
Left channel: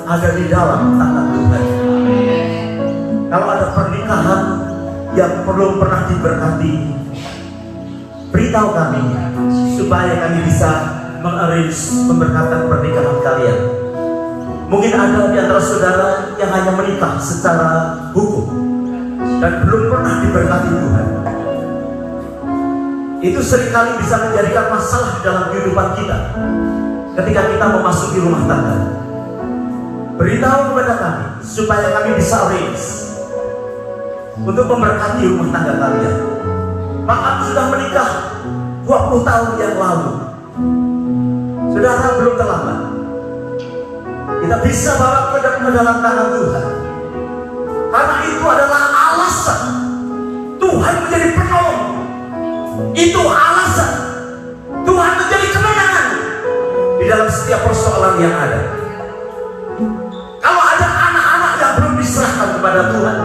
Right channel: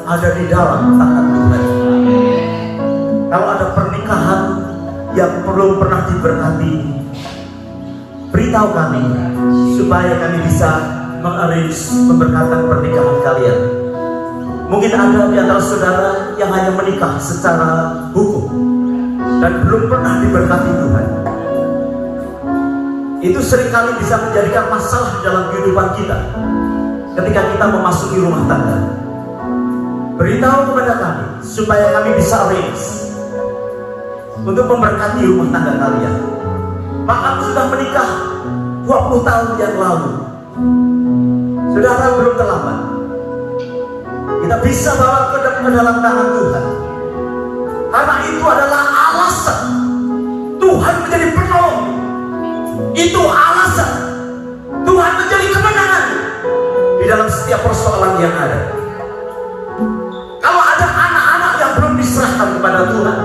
ada di dalam tangan Tuhan. Kalau ada pernikahan yang belum pernah diberkati, beritahu kami supaya kami bisa mengarrange pemberkatan pernikahan kalian. Mungkin ada di antara saudara yang hanya menikah secara hukum dan belum pernah diberkati Tuhan. Itu seringkali bisa menjadikan masalah dalam kehidupan kita ketika kita memasuki rumah tangga. Beritahu kepada kami supaya kami bisa arrange untuk memberkati rumah tangga kalian. Bahkan sudah menikah 20 tahun yang lalu, saudara, belum terlambat. Kita bisa bawa ke dalam tangan Tuhan, karena itu adalah alasan Tuhan menjadi penolong. Itu alasan Tuhan menjadi kemenangan di dalam setiap persoalan yang ada. Kalau ada anak-anak yang belum diserahkan kepada Tuhan,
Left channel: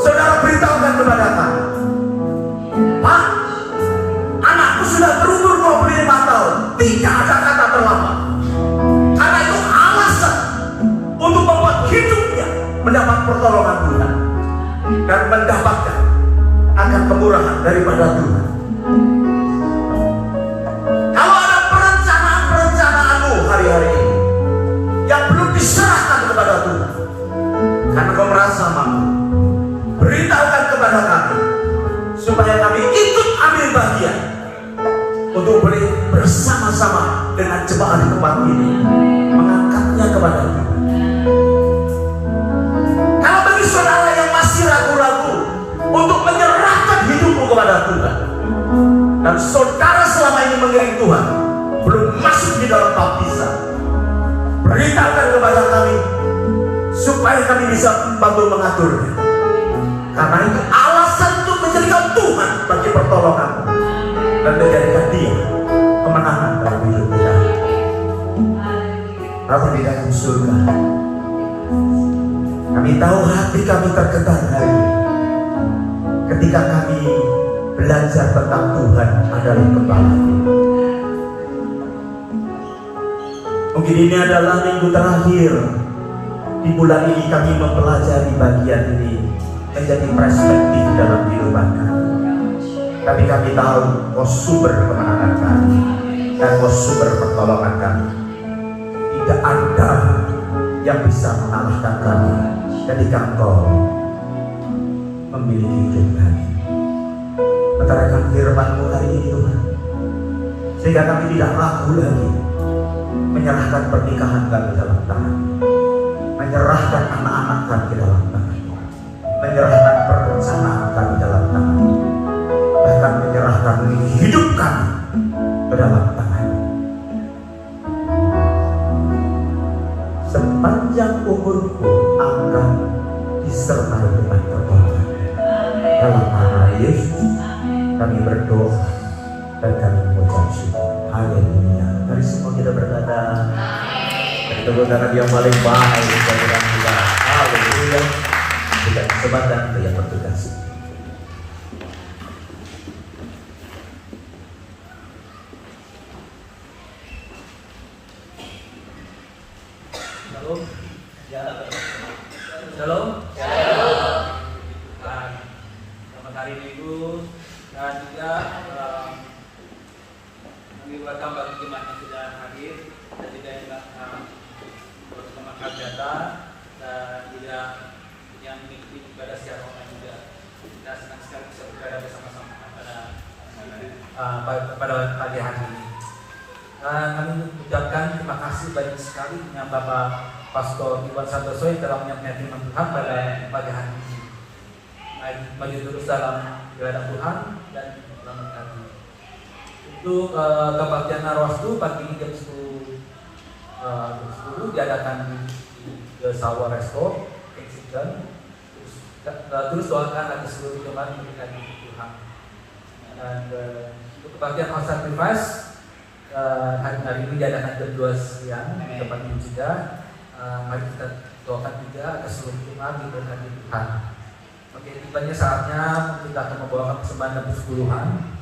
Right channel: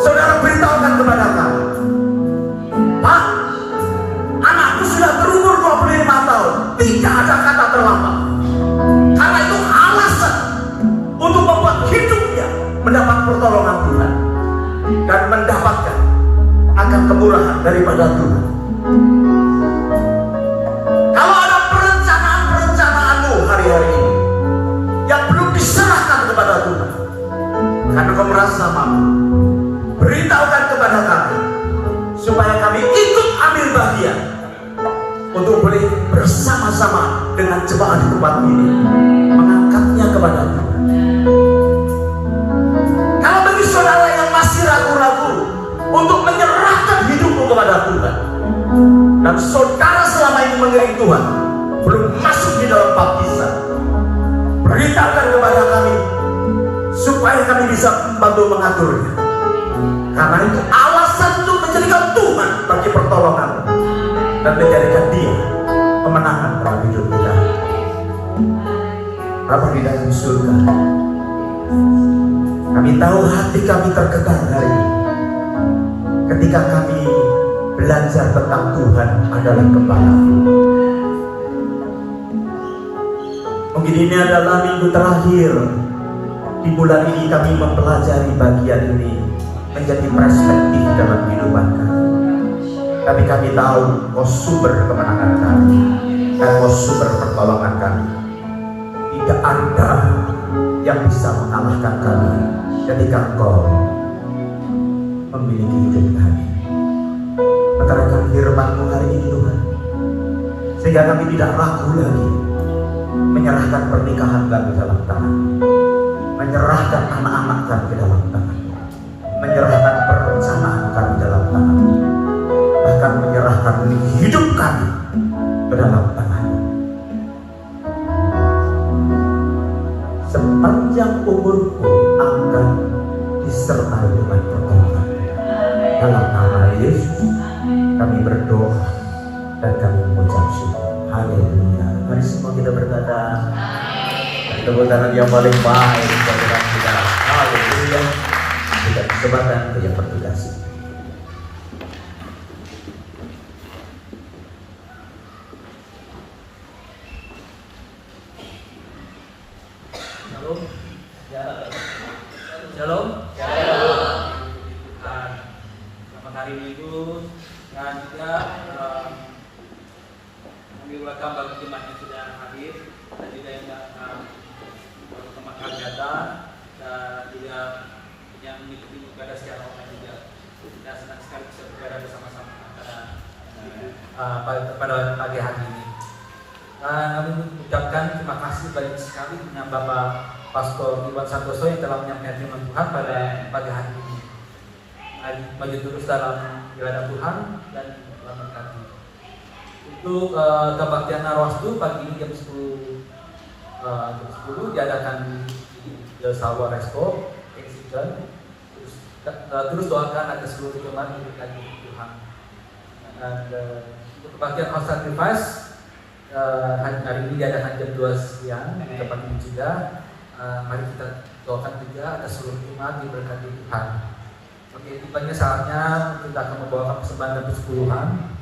saudara beritahukan kepada kami, Pak, anakku sudah berumur 25 tahun, tidak ada kata terlambat. Karena itu alasan untuk membuat hidupnya mendapat pertolongan Tuhan dan mendapatkan akan kemurahan daripada Tuhan. Kalau ada perencanaan-perencanaanmu hari-hari ini yang belum diserahkan kepada Tuhan karena kau merasa mampu, beritahukan kepada kami supaya kami ikut ambil bagian untuk boleh bersama-sama dengan jemaat di tempat ini mengangkatnya kepada Tuhan. Kalau bagi saudara yang masih ragu-ragu untuk menyerahkan hidupmu kepada Tuhan, dan saudara selama ini mengiring Tuhan belum masuk di dalam baptisan, beritakan kepada kami supaya kami bisa membantu mengaturnya. Karena itu alasan untuk menjadikan Tuhan bagi pertolongan dan menjadikan Dia kemenangan dalam hidup kita. Bapa di dalam surga, kami tahu hati kami tergetar hari ini ketika kami belajar tentang Tuhan adalah Gembala. Mungkin ini adalah minggu terakhir di bulan ini kami mempelajari bagian ini menjadi perspektif dalam kehidupan kami. Tapi kami tahu Kau sumber kemenangan kami dan Kau sumber pertolongan kami. Tidak ada yang bisa mengalahkan kami ketika Engkau memiliki hidup kami. Katakan firman-Mu hari ini Tuhan, sehingga kami tidak ragu lagi menyerahkan pernikahan kami dalam tangan, menyerahkan anak-anak kami dalam tangan, menyerahkan perencanaan kami dalam tangan, bahkan menyerahkan hidup kami ke dalam tangan. Sepanjang umurku akan disertai dengan pertolongan. Dalam nama Yesus kami berdoa dan kami mengucap syukur. Haleluya. Mari semua kita berkata, tepuk tangan yang paling baik dari kita. Haleluya. Kita kesempatan ke yang bertugas. Shalom. Shalom. Selamat hari Minggu dan juga kami welcome bagi jemaat yang sudah hadir dan juga yang baru kemakan data dan juga yang mengikuti ibadah secara online juga. Kita senang sekali bisa beribadah bersama-sama pada pagi hari ini. Kami mengucapkan terima kasih banyak sekali dengan Bapak Pastor Iwan Santoso yang telah menyampaikan firman Tuhan pada pagi hari ini. Mari terus dalam ibadah Tuhan dan memberkati. Untuk kebaktian Narwastu pagi ini jam 10 diadakan di The Salwa Resto, Kensington. Terus doakan ada seluruh jemaat yang berkati Tuhan. Dan untuk kebaktian House Sacrifice hari ini diadakan jam 2 siang di tempat ini juga. Mari kita doakan juga atas seluruh jemaat diberkati Tuhan. Oke, tibanya saatnya kita akan membawa persembahan persepuluhan.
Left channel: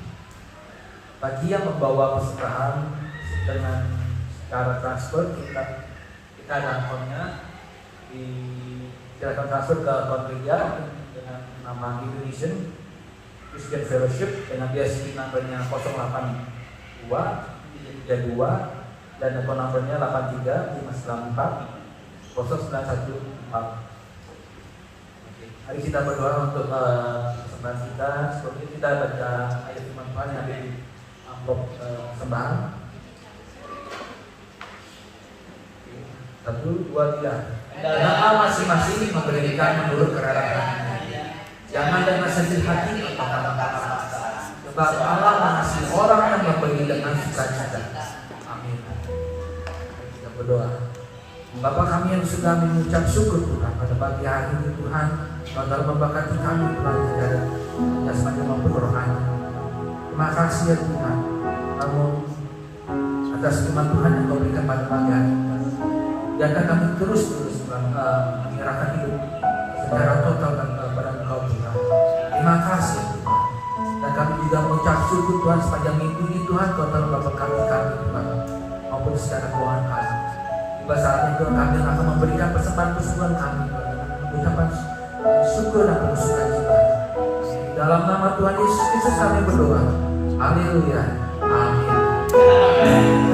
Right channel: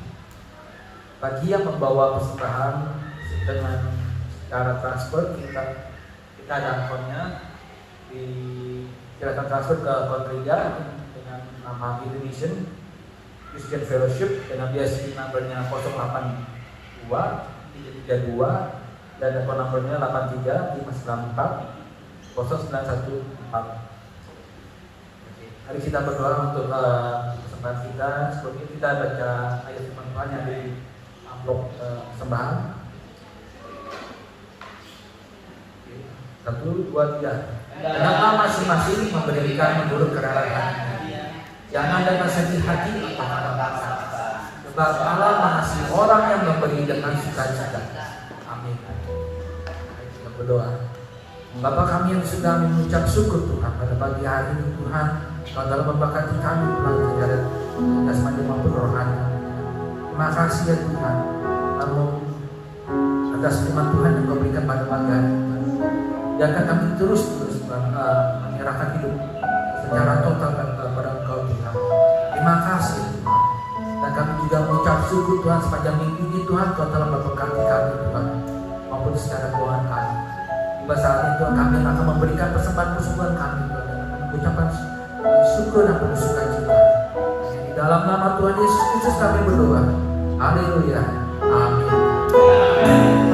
Bagi yang membawa persembahan dengan cara transfer kita ada akunnya, silakan transfer ke akun gereja dengan nama Indonesian Christian Fellowship dengan BSI numbernya 082 332 dan akun nomornya 83 594 0914. Mari kita berdoa untuk kesempatan kita. Seperti kita baca ayat firman Tuhan yang di amplop persembahan. 1, 2, 3. Jangan masing-masing memberikan menurut kerelaan. Jangan dengan sedih hati atau kata-kata. Sebab Allah mengasihi orang yang memberi dengan sukacita. Amin. Mari kita berdoa. Bapa kami yang sudah mengucap syukur Tuhan pada pagi hari ini Tuhan, Kau telah memberkati kami Tuhan segala jasmani maupun rohani. Terima kasih ya Tuhan, namun atas firman Tuhan yang Kau berikan pada pagi hari ini. Biarkan kami terus menyerahkan hidup secara total kepada Engkau Tuhan. Terima kasih Tuhan. Dan kami juga mengucap syukur Tuhan sepanjang minggu ini Tuhan Kau telah memberkati kami Tuhan maupun secara keuangan kami. Tiba saatnya Tuhan kami akan memberikan persembahan kami mengucapkan syukur dan penuh sukacita. Di dalam nama Tuhan Yesus Kristus kami berdoa. Haleluya. Amin.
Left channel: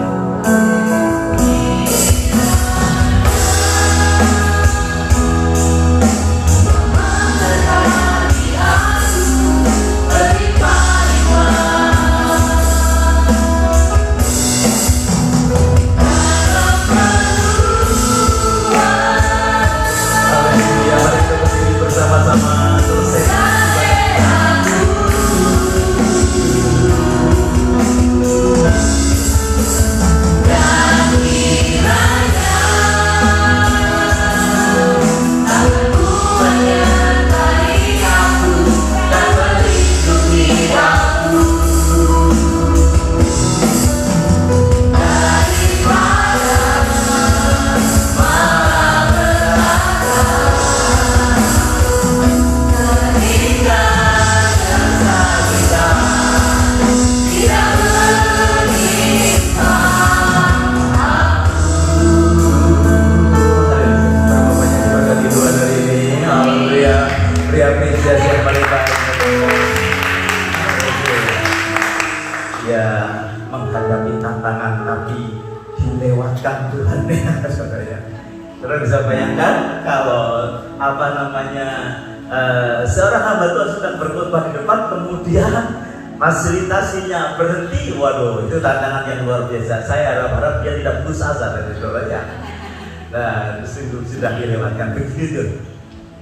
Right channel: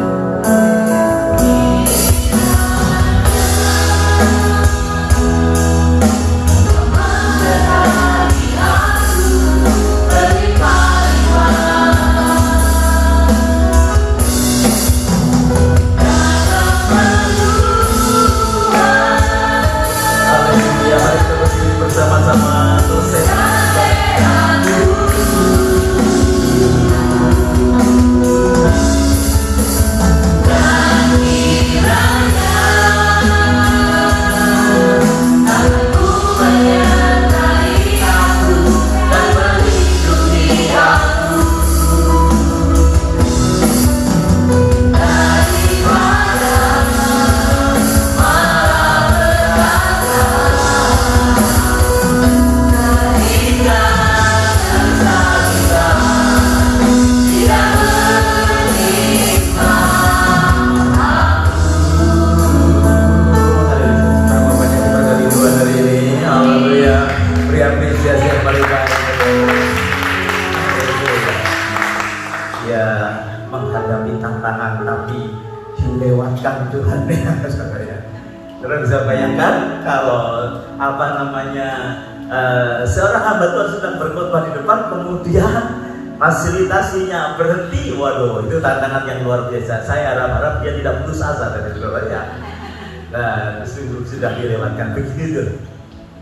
Seorang hamba Tuhan sedang berkhotbah di depan, kemudian fasilitasinya berhenti. Waduh, itu tantangan yang luar biasa. Saya harap dia tidak putus asa dari saudaranya. Dan sudah dilewatkan. Begitu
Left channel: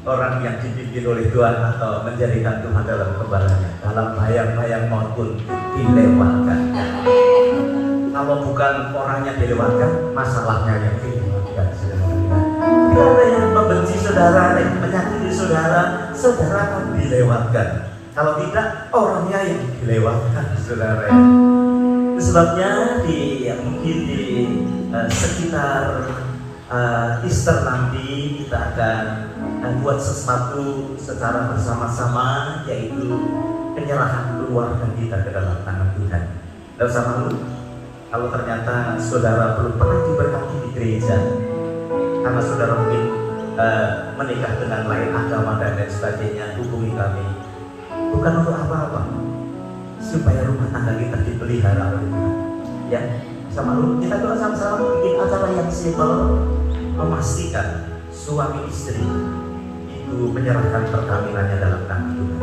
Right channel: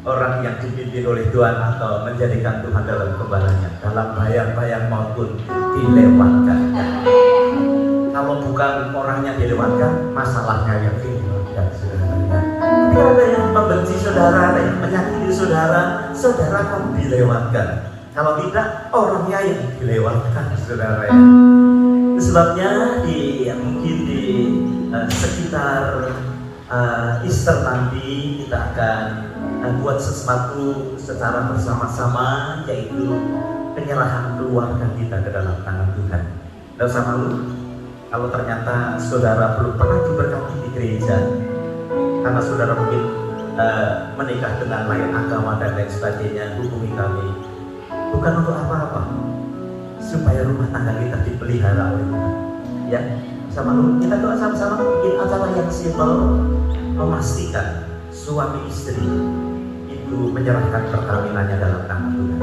orang yang dipimpin oleh Tuhan atau menjadikan Tuhan dalam kembarannya, dalam bayang-bayang maupun dilewatkan. Kalau bukan orangnya dilewatkan, masalahnya yang dilewatkan. Tidak ada yang membenci saudara, yang menyakiti saudara, saudara akan dilewatkan. Kalau tidak, orangnya yang dilewatkan, saudara. Sebabnya mungkin di sekitar Easter nanti kita akan buat sesuatu secara bersama-sama, yaitu penyerahan keluarga kita ke dalam tangan Tuhan. Dan sama lu, kalau ternyata saudara belum pernah diberkati di gereja, karena saudara mungkin menikah dengan lain agama dan lain sebagainya, hubungi kami. Bukan untuk apa-apa, supaya rumah tangga kita dipelihara oleh Tuhan. Ya, sama lu, kita doa sama-sama bikin acara yang simpel, memastikan suami istri itu menyerahkan perkawinannya dalam tangan Tuhan.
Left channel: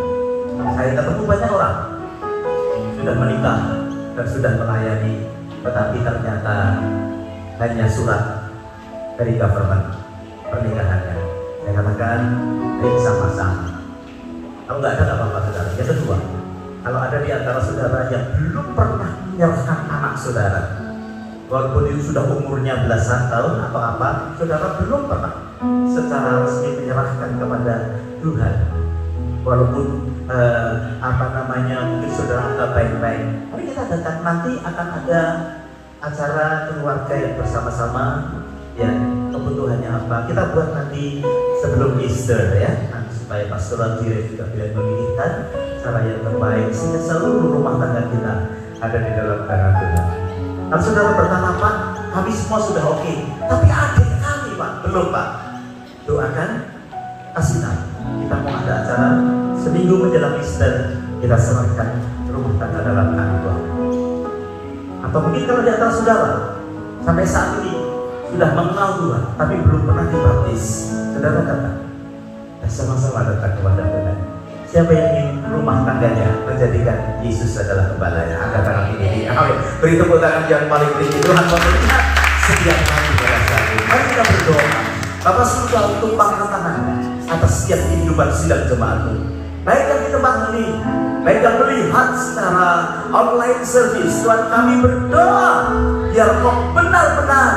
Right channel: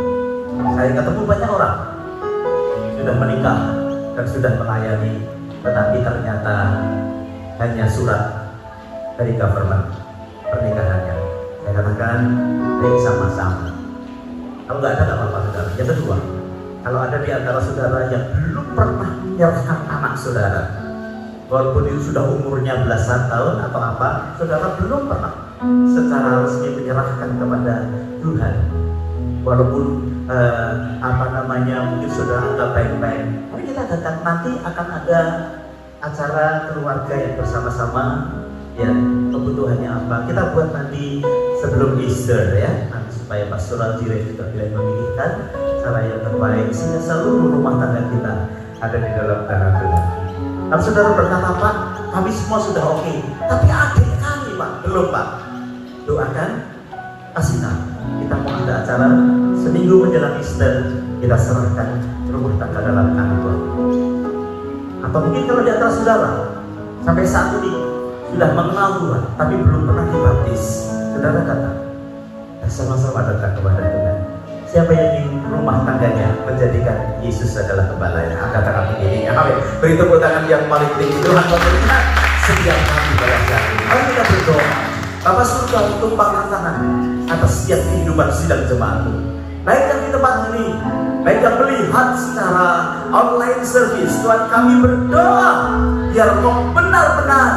Saya ketemu banyak orang sudah menikah dan sudah melayani, tetapi ternyata hanya surat dari government pernikahannya. Saya katakan baik sama-sama. Kalau nggak ada nggak apa-apa saudara. Yang kedua, kalau ada di antara saudara yang belum pernah menyerahkan anak saudara, walaupun itu sudah umurnya belasan tahun atau apa, saudara belum pernah secara resmi menyerahkan kepada Tuhan. Walaupun mungkin saudara anggap baik-baik. Mungkin kita datang nanti akan ada acara keluarga yang bersama-sama. Ya, kebutuhannya apa? Kita buat nanti sebelum Easter ya, supaya pastoral direct juga bisa memilihkan cara yang terbaik sehingga seluruh rumah tangga kita ada di dalam tangan Tuhan. Kalau saudara berkata, Pak, kami semua sudah oke. Tapi adik kami Pak, belum Pak. Doakan, kasih tahu. Kita mau ada acara seminggu menjelang Easter, kita serahkan rumah tangga dalam tangan Tuhan. Atau mungkin kalau di antara saudara sampai saat ini sudah mengenal Tuhan, tapi belum pernah dibaptis, saudara datang. Sama-sama datang kepada Tuhan. Siapa yang ingin rumah tangganya menjadikan Yesus adalah gembalanya? Angkat tangan tinggi. Amin. Beri tepuk tangan yang paling tinggi. Tuhan memberkati setiap kami pada saat ini. Mari kita berdoa. Bapak surga untuk tumpahkan tangan atas setiap kehidupan sidang jemaatmu. Baik yang di tempat ini, baik yang melihat secara online service, Tuhan kami berdoa biar Kau benar-benar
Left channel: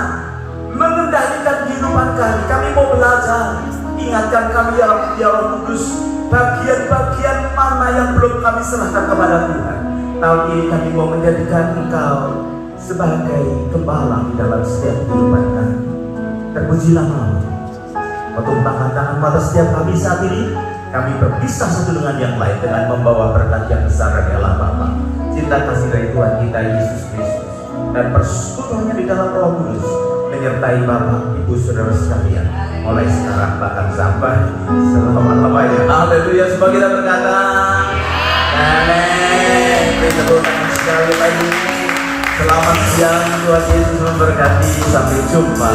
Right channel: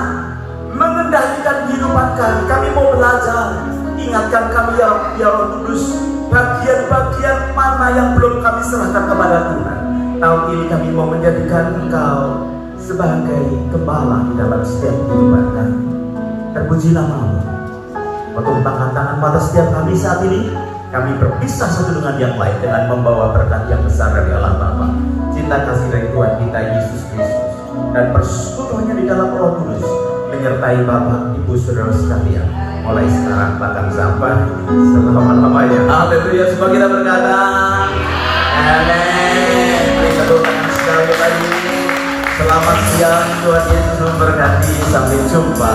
mengendalikan kehidupan kami. Kami mau belajar. Ingatkan kami ya Roh Kudus, bagian-bagian mana yang belum kami serahkan kepada Tuhan. Tahun ini kami mau menjadikan Engkau sebagai gembala di dalam setiap kehidupan kami. Terpujilah kami. Tumpahkan tangan pada setiap kami saat ini. Kami berpisah satu dengan yang lain dengan membawa berkat yang besar dari Allah Bapa, cinta kasih dari Tuhan kita Yesus Kristus, dan persekutuan di dalam Roh Kudus menyertai Bapak, Ibu, Saudara sekalian, mulai sekarang bahkan sampai selama-lamanya. Haleluya. Sebab kita berkata amin. Sekali lagi selamat siang, Tuhan Yesus memberkati. Sampai jumpa.